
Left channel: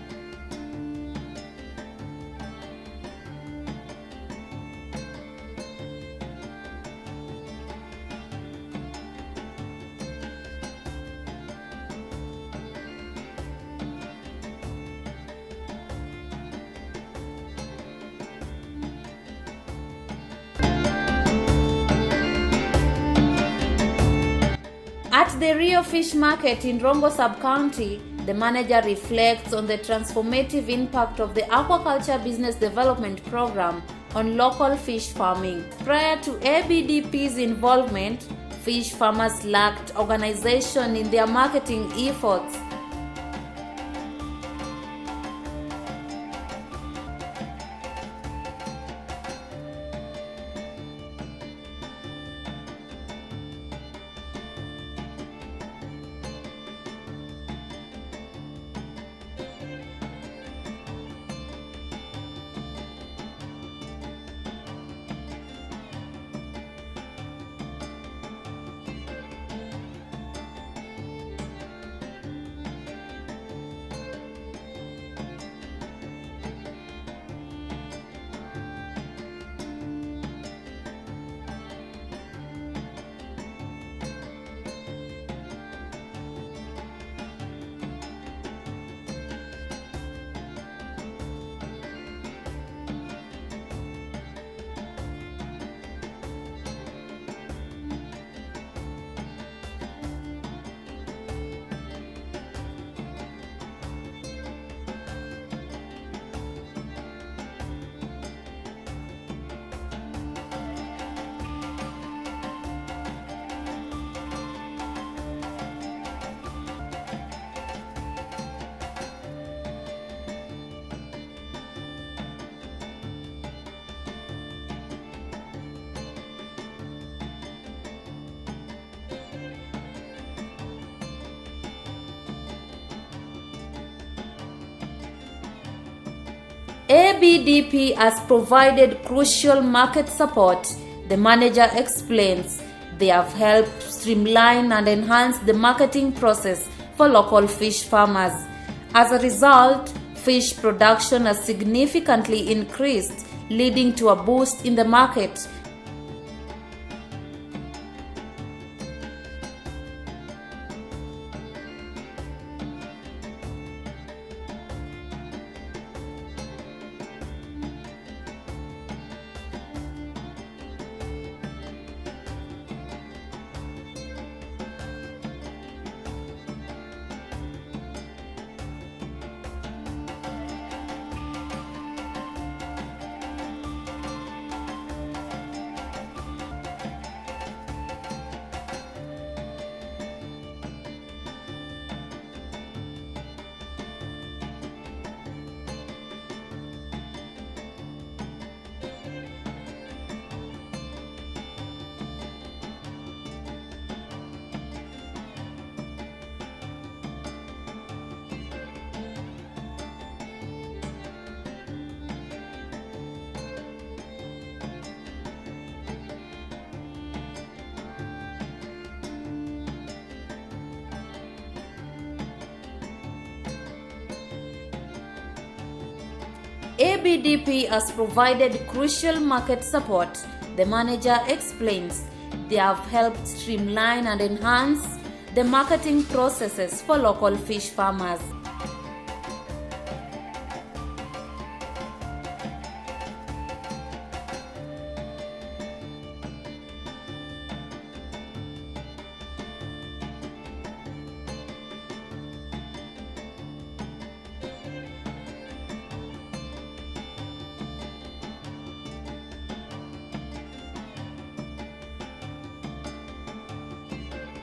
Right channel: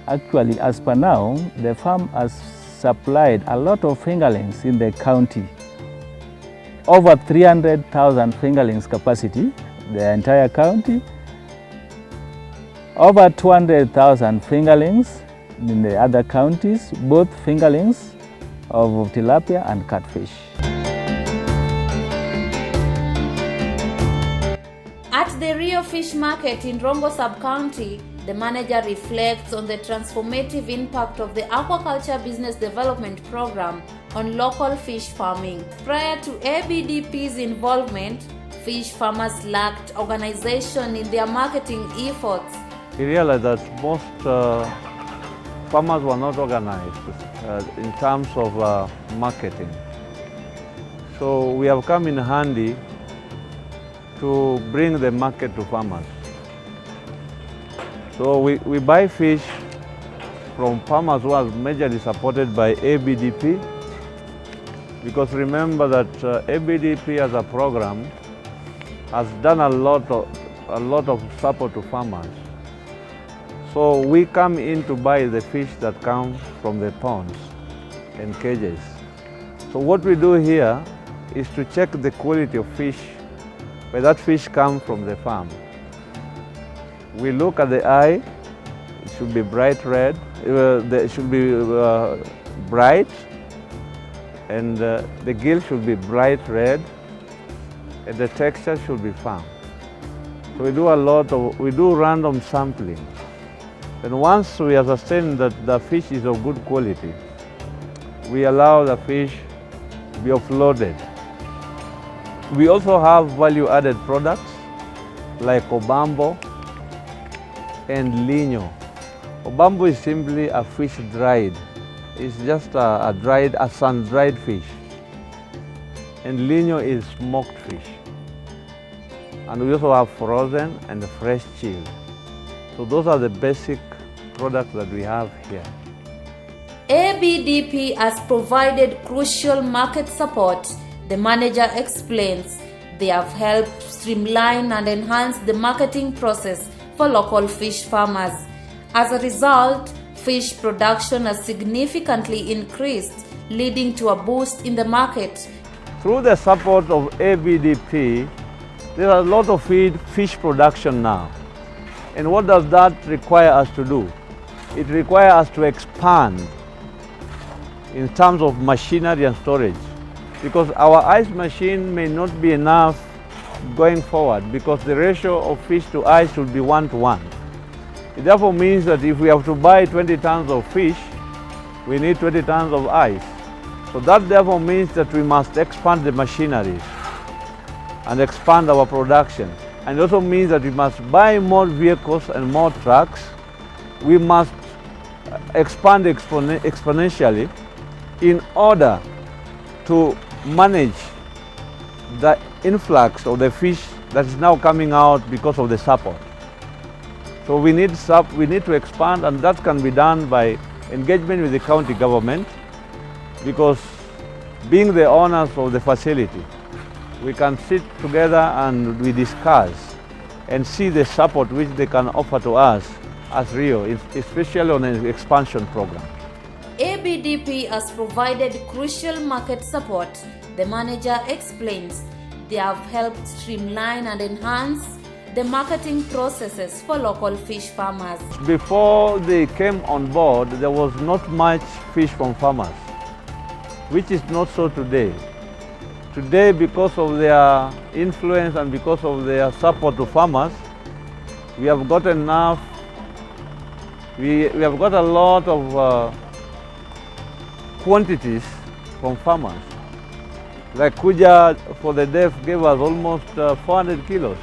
Actually, as per now, the farm has supplied a lot of fingerlings in the county. Over 300,000 fingerlings capacity, the entire county. Over 200,000 fingerlings in the other counties, both fingerlings of tilapia and catfish. At the Rio Fish Market in Rongo Sub-County, the manager reflects on the transformative impact of the Aquaculture Business Development Program on local fish farming. Prior to ABDP's involvement, fish farmers lacked organization in their marketing efforts. We realized that most farmers were not organized in terms of marketing. So we have come in handy to bring the market to farmers. So we buy fish from farmers who are majorly supported by ABDP, because remember that ABDP as a program has done a lot of support to farmers. So we come in to buy the fish that come from the ponds and cages. So what we do here is to check the quality of fish where that fish comes from the farm. We look at the eye should be bright red. They should be bright, and the gill should be bright red, and the texture should be firm. So we do random sampling. And once we ascertain that the fish is of good quality, we allow the fish to be offloaded. We also have value-added products like obambo and lino. Obambo is simply a fish dried. It's just a sun-dried fish. And lino is smoked fish. And we also have frozen and fresh chilled. So those are the basic products that we have here. ABDP has provided crucial market support. The manager explains they have helped streamline and enhance the marketing process for local fish farmers. As a result, fish production has significantly increased, leading to a boost in the market. Through the support of ABDP, there are a lot of fish production now. And what does that require us to do? It requires us to expand in terms of machinery and storage, because our ice machine may not be enough going forward, because the ratio of fish to ice should be 1:1. It therefore means that if we have to buy 20 tons of fish, we need 20 tons of ice. So that therefore means that we must expand the machinery and expand our production. And it also means that we must buy more vehicles and more trucks. We must expand exponentially in order to manage the influx of the fish that is now coming out because of the support. So we need to expand, and that can be done by engagement with the county government, because being the owners of the facility, we can sit together and we discuss and see the support which they can offer to us as Rio, especially on an expansion program. ABDP has provided crucial market support. The manager explains they have helped streamline and enhance the marketing processes for local fish farmers. Before they came on board, there was not much fish from farmers, which is not so today. Today, because of their influence and because of their support to farmers, we have got enough, we have got a lot of quantities from farmers. Like Kuja for the deaf gave us almost 400 kilos.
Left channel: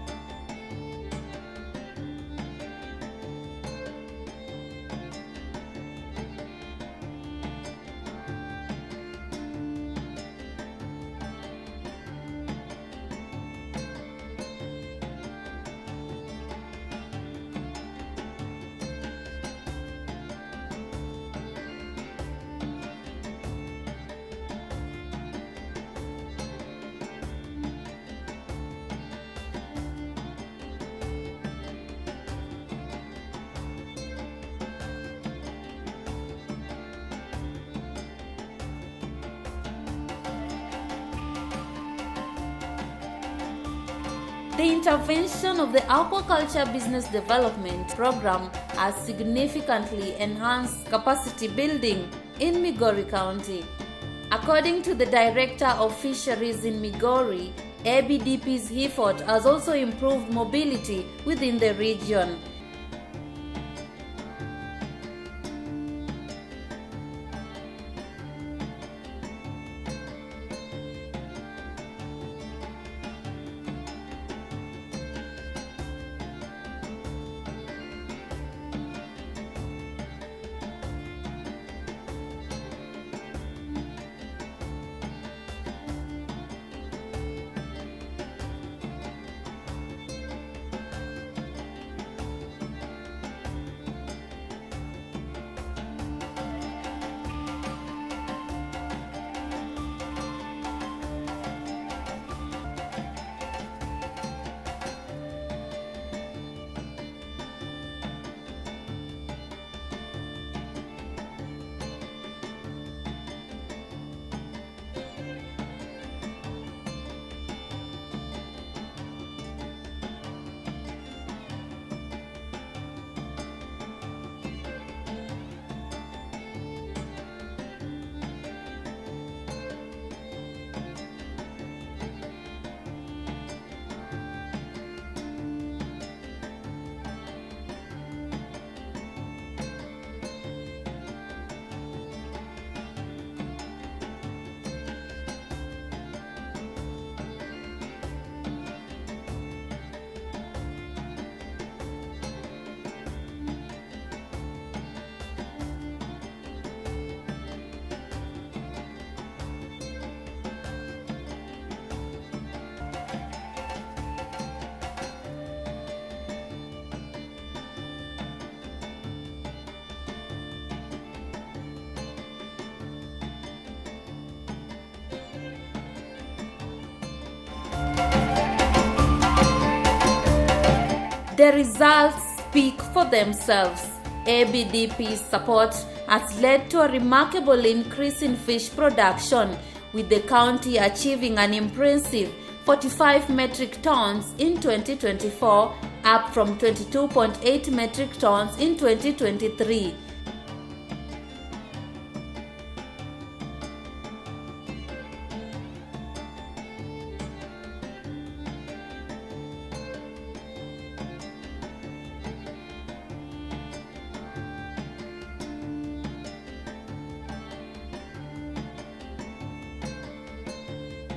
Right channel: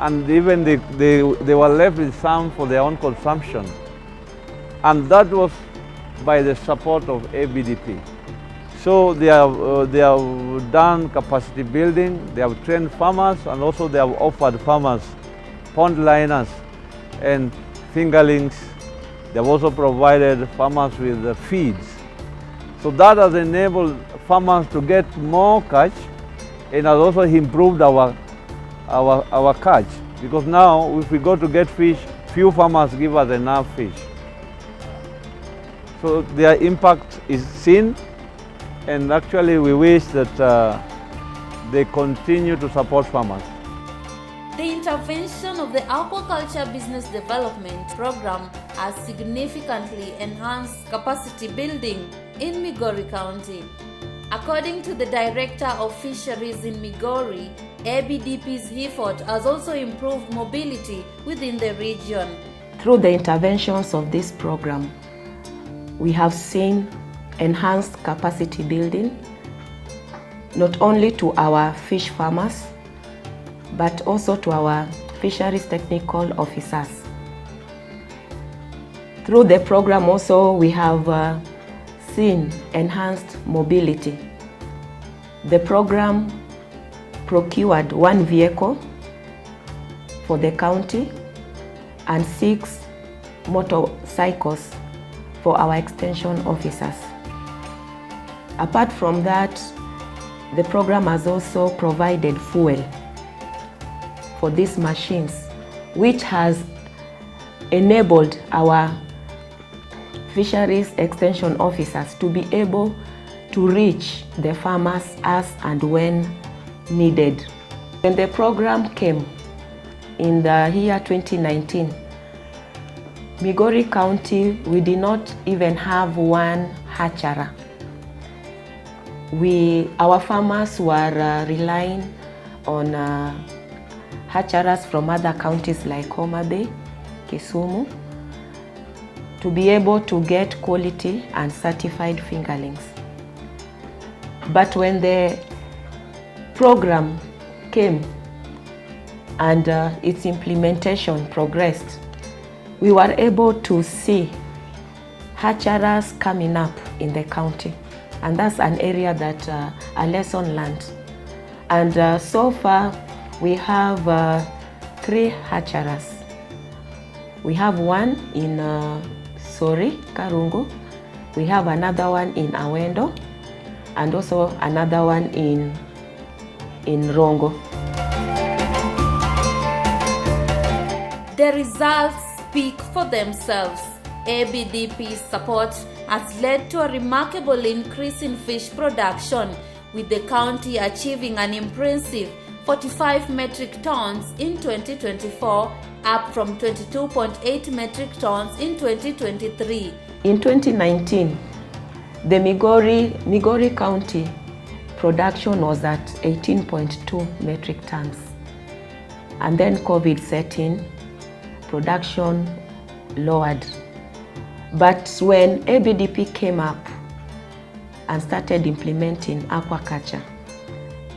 And even they were left with some for their own consumption. And that was by the support of ABDP. So they have done capacity building, they have trained farmers, and also they have offered farmers pond liners and fingerlings. They have also provided farmers with feeds. So that has enabled farmers to get more catch, and has also improved our catch. Because now, if we go to get fish, few farmers give us enough fish. So their impact is seen, and actually we wish that they continue to support farmers. The intervention of the Aquaculture Business Development Program has significantly enhanced capacity building in Migori County. According to the Director of Fisheries in Migori, ABDP's effort has also improved mobility within the region. Through the interventions of this program, we have seen enhanced capacity building, not only to our fish farmers, but also to our fisheries technical officers. Through the program also, we have seen enhanced mobility. The program procured 1 vehicle for the county and 6 motorcycles for our extension officers. Apart from that, the program has also provided fuel for these machines, which has enabled our fisheries extension officers to be able to reach the farmers as and when needed. When the program came in the year 2019, Migori County, we did not even have one hatchery. Our farmers were relying on hatcheries from other counties like Homa Bay, Kisumu, to be able to get quality and certified fingerlings. But when the program came and its implementation progressed, we were able to see hatcheries coming up in the county. And that's an area that a lesson learned. And so far, we have 3 hatcheries. We have one in Sori, Karungu. We have another one in Awendo, and also another one in Rongo. The results speak for themselves. ABDP's support has led to a remarkable increase in fish production, with the county achieving an impressive 45 metric tons in 2024, up from 22.8 metric tons in 2023. In 2019, the Migori County production was at 18.2 metric tons. And then COVID set in, production lowered. But when ABDP came up and started implementing aquaculture,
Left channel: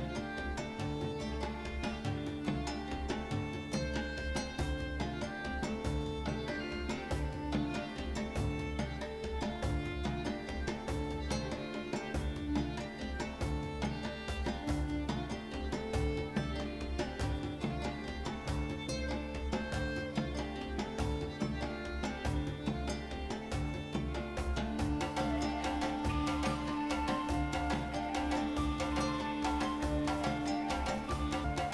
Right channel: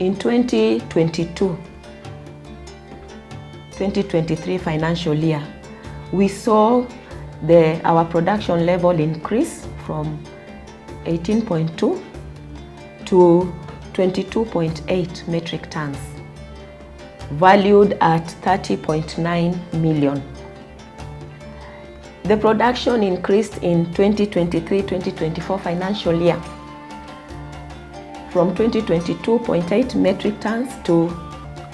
in 2022-2023 financial year, we saw our production level increase from 18.2 to 22.8 metric tons, valued at 30.9 million. The production increased in 2023-2024 financial year from 22.8 metric tons to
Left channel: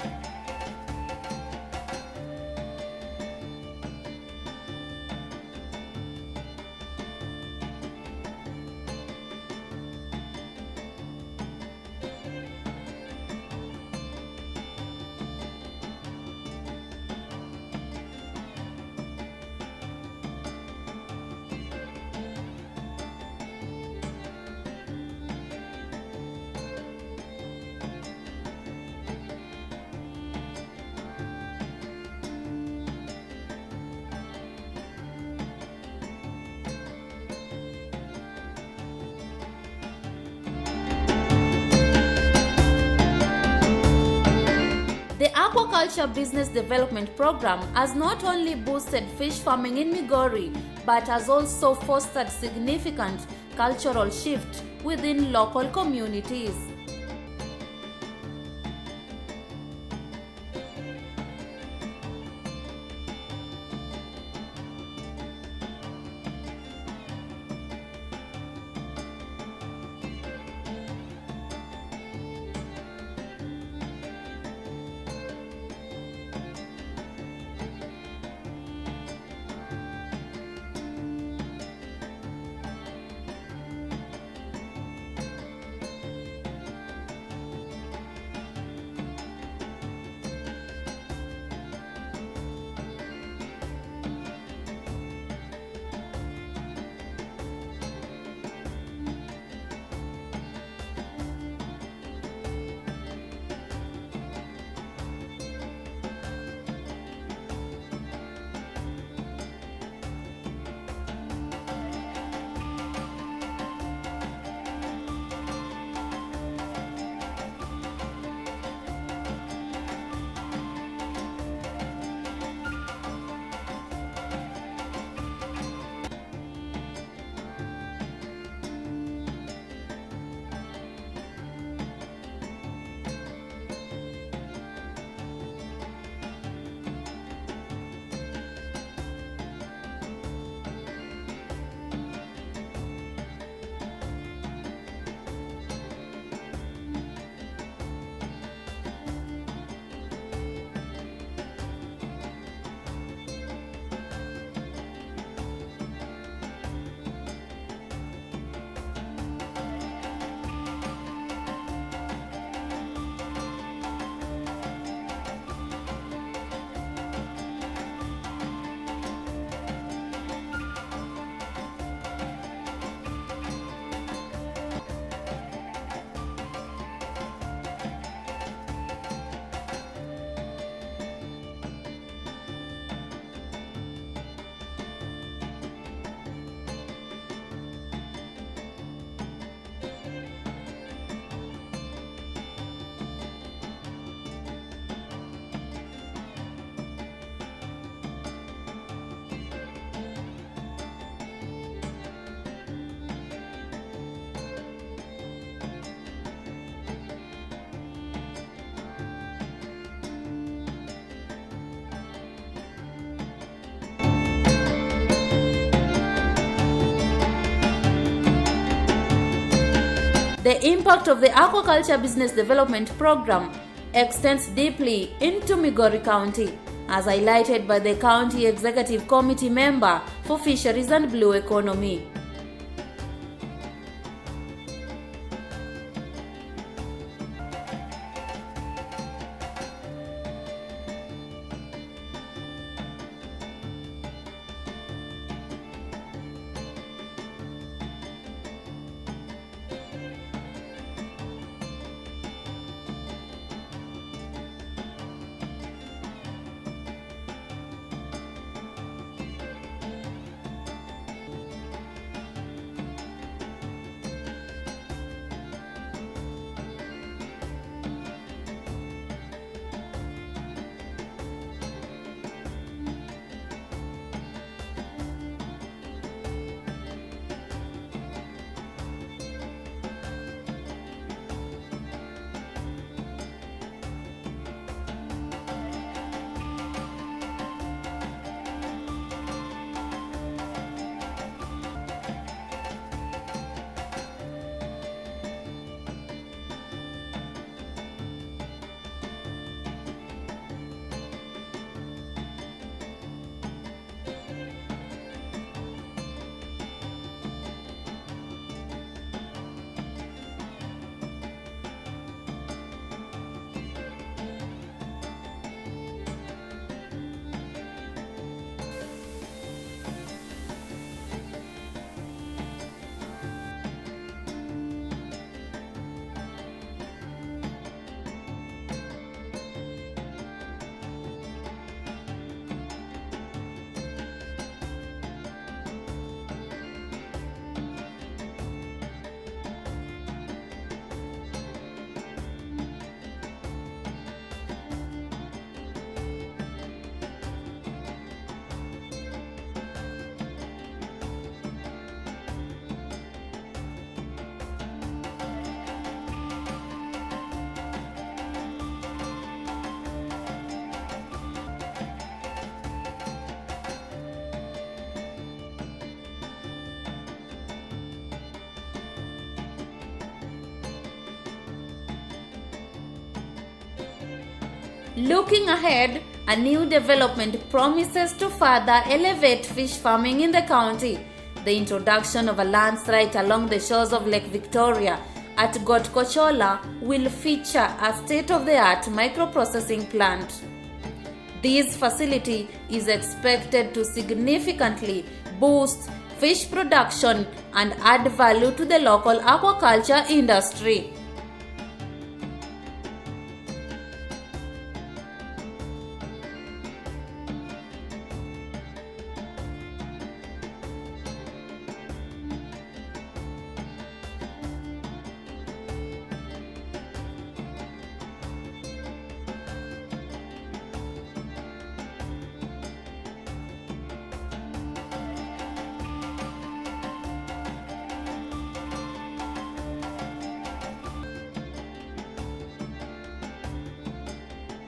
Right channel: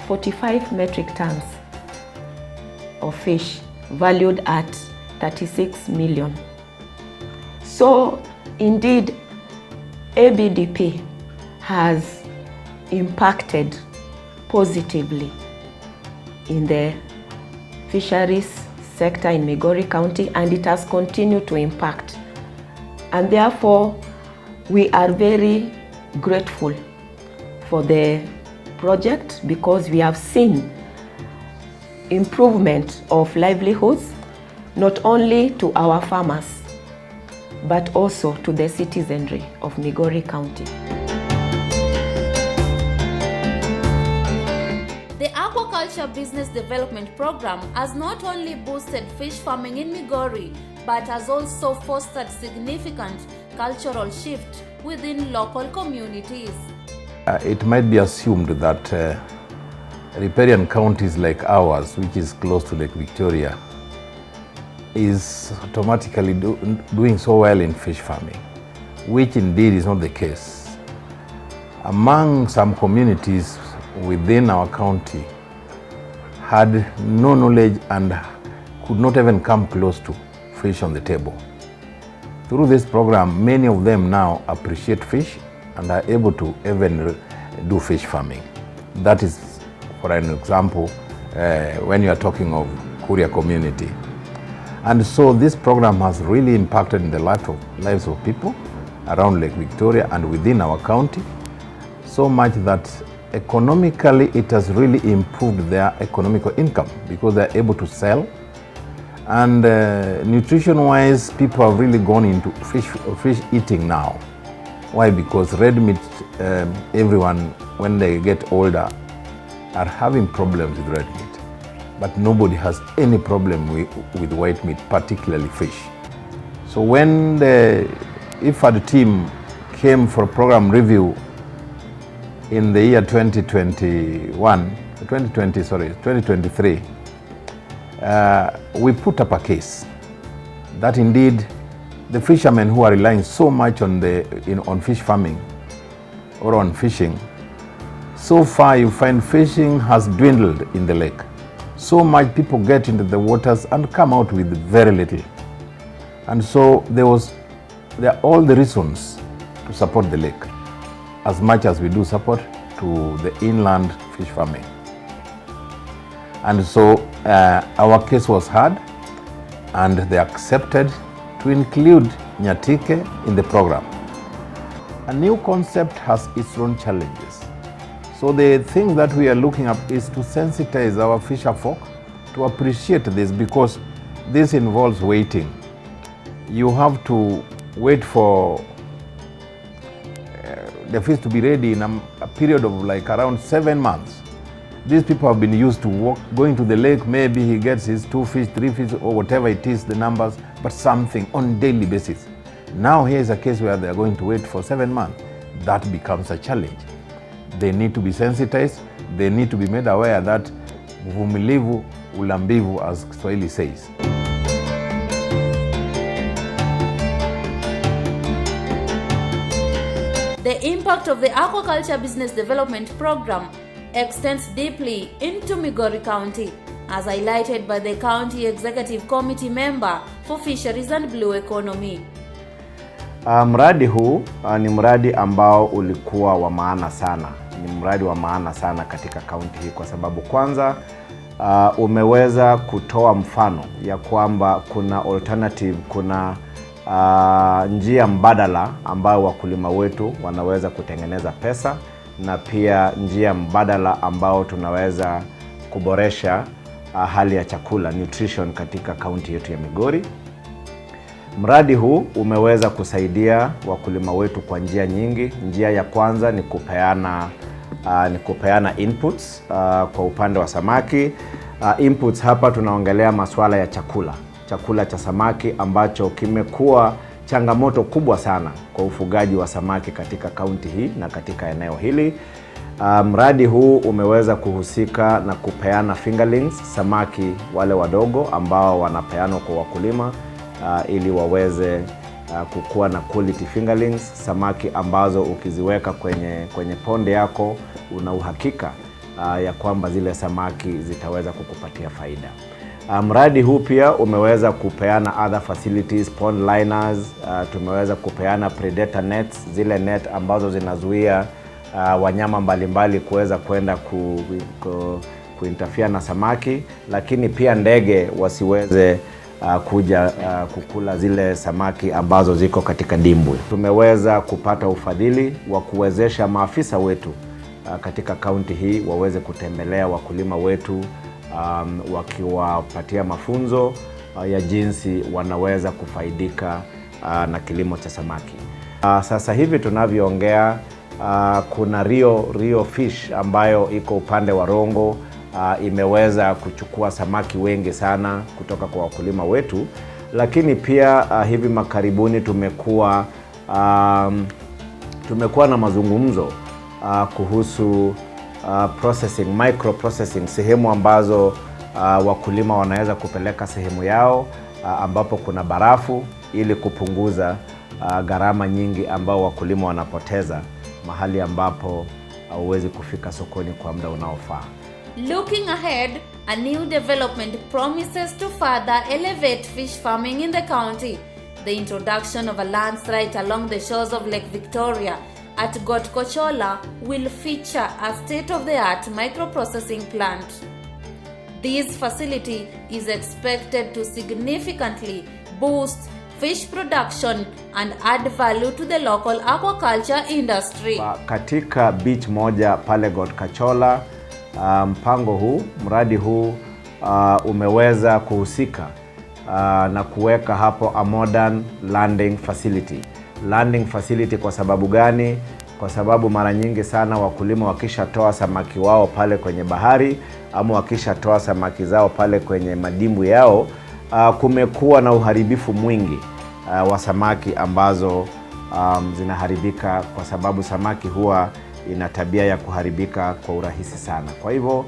45 metric tons of fish, valued at 36 million. So indeed, ABDP has impacted positively in the fisheries sector in Migori County, and it has continued to impact. And therefore, we are very grateful for the project, because we have seen improvement of livelihoods, not only to our farmers, but also to the citizenry of Migori County. The Aquaculture Business Development Program has not only boosted fish farming in Migori, but has also fostered significant cultural shift within local communities. It might be assumed that riparian counties like ours, which is close to Lake Victoria, is automatically doing so well in fish farming, which indeed is not the case. Among some communities within our county had no knowledge and could not even come close to fish on the table. Through this program, many of them now appreciate fish and are able to even do fish farming. That is, for an example, when you are talking of Kuria community. And so this program has really impacted in the lives of people around Lake Victoria and within our county, so much that economically it has really improved their economical income, because they're able to sell. And nutrition-wise, people have really gone into fish eating now. Why? Because red meat, everyone, when they get older, are having problems with red meat. But nobody has any problem with white meat, particularly fish. So when the IfAD team came for a program review in the year 2023, we put up a case that indeed the fishermen who are relying so much on fish farming or on fishing, so far you find fishing has dwindled in the lake. So much people get into the waters and come out with very little. And so there are all the reasons to support the lake, as much as we do support to the inland fish farming. And so our case was heard, and they accepted to include Nyatike in the program. A new concept has its own challenges. So the thing that we are looking at is to sensitize our fisher folk to appreciate this, because this involves waiting. You have to wait for the fish to be ready in a period of like around 7 months. These people have been used to going to the lake, maybe he gets his 2 fish, 3 fish, or whatever it is, the numbers, but something on daily basis. Now here is a case where they are going to wait for 7 months. That becomes a challenge. They need to be sensitized, they need to be made aware that uvumilivu ulambivu, as Swahili says. The impact of the Aquaculture Business Development Program extends deeply into Migori County, as highlighted by the County Executive Committee member for Fisheries and Blue Economy. Mradi huu ni mradi ambao ulikuwa wa maana sana. Ni mradi wa maana sana katika kaunti hii kwa sababu kwanza umeweza kutoa mfano ya kwamba kuna alternative, kuna njia mbadala ambayo wakulima wetu wanaweza kutengeneza pesa, na pia njia mbadala ambao tunaweza kuboresha hali ya chakula, nutrition, katika kaunti yetu ya Migori. Mradi huu umeweza kusaidia wakulima wetu kwa njia nyingi. Njia ya kwanza ni kupeana inputs kwa upande wa samaki. Inputs hapa tunaongelea masuala ya chakula cha samaki ambacho kimekuwa changamoto kubwa sana kwa ufugaji wa samaki katika kaunti hii na katika eneo hili. Mradi huu umeweza kuhusika na kupeana fingerlings, samaki wale wadogo ambao wanapeanwa kwa wakulima ili waweze kukua na quality fingerlings, samaki ambazo ukiziweka kwenye ponde yako una uhakika ya kwamba zile samaki zitaweza kukupatia faida. Mradi huu pia umeweza kupeana other facilities, pond liners, tumeweza kupeana predator nets, zile net ambazo zinazuia wanyama mbalimbali kuweza kwenda kuinterfere na samaki, lakini pia ndege wasiweze kuja kukula zile samaki ambazo ziko katika dimbwi. Tumeweza kupata ufadhili wa kuwezesha maafisa wetu katika kaunti hii waweze kutembelea wakulima wetu, wakiwapatia mafunzo ya jinsi wanaweza kufaidika na kilimo cha samaki. Sasa hivi tunavyoongea, kuna Rio Fish ambayo iko upande wa Rongo, imeweza kuchukua samaki wengi sana kutoka kwa wakulima wetu, lakini pia hivi makaribuni tumekuwa na mazungumzo kuhusu processing, micro processing, sehemu ambazo wakulima wanaweza kupeleka sehemu yao ambapo kuna barafu, ili kupunguza gharama nyingi ambao wakulima wanapoteza mahali ambapo hauwezi kufika sokoni kwa muda unaofaa. Looking ahead, a new development promises to further elevate fish farming in the county. The introduction of a landslide along the shores of Lake Victoria at Gotkochola will feature a state-of-the-art microprocessing plant. This facility is expected to significantly boost fish production and add value to the local aquaculture industry. Katika beach moja pale Gotkochola, mradi huu umeweza kuhusika na kuweka hapo a modern landing facility. Landing facility kwa sababu gani? Kwa sababu mara nyingi sana wakulima wakishatoa samaki wao pale kwenye bahari, ama wakishatoa samaki zao pale kwenye madimbu yao, kumekuwa na uharibifu mwingi wa samaki ambazo zinaharibika, kwa sababu samaki huwa ina tabia ya kuharibika kwa urahisi sana. Kwa hivyo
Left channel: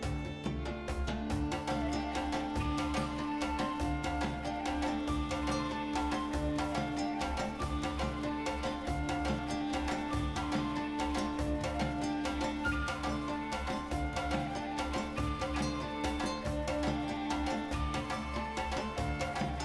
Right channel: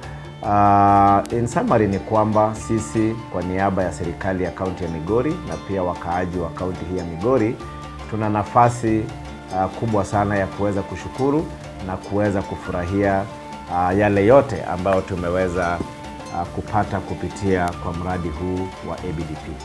in summary ni kwamba sisi kwa niaba ya serikali ya kaunti ya Migori na pia wakaaji wa kaunti hii ya Migori, tuna nafasi kubwa sana ya kuweza kushukuru na kuweza kufurahia yale yote ambayo tumeweza kupata kupitia kwa mradi huu wa ABDP.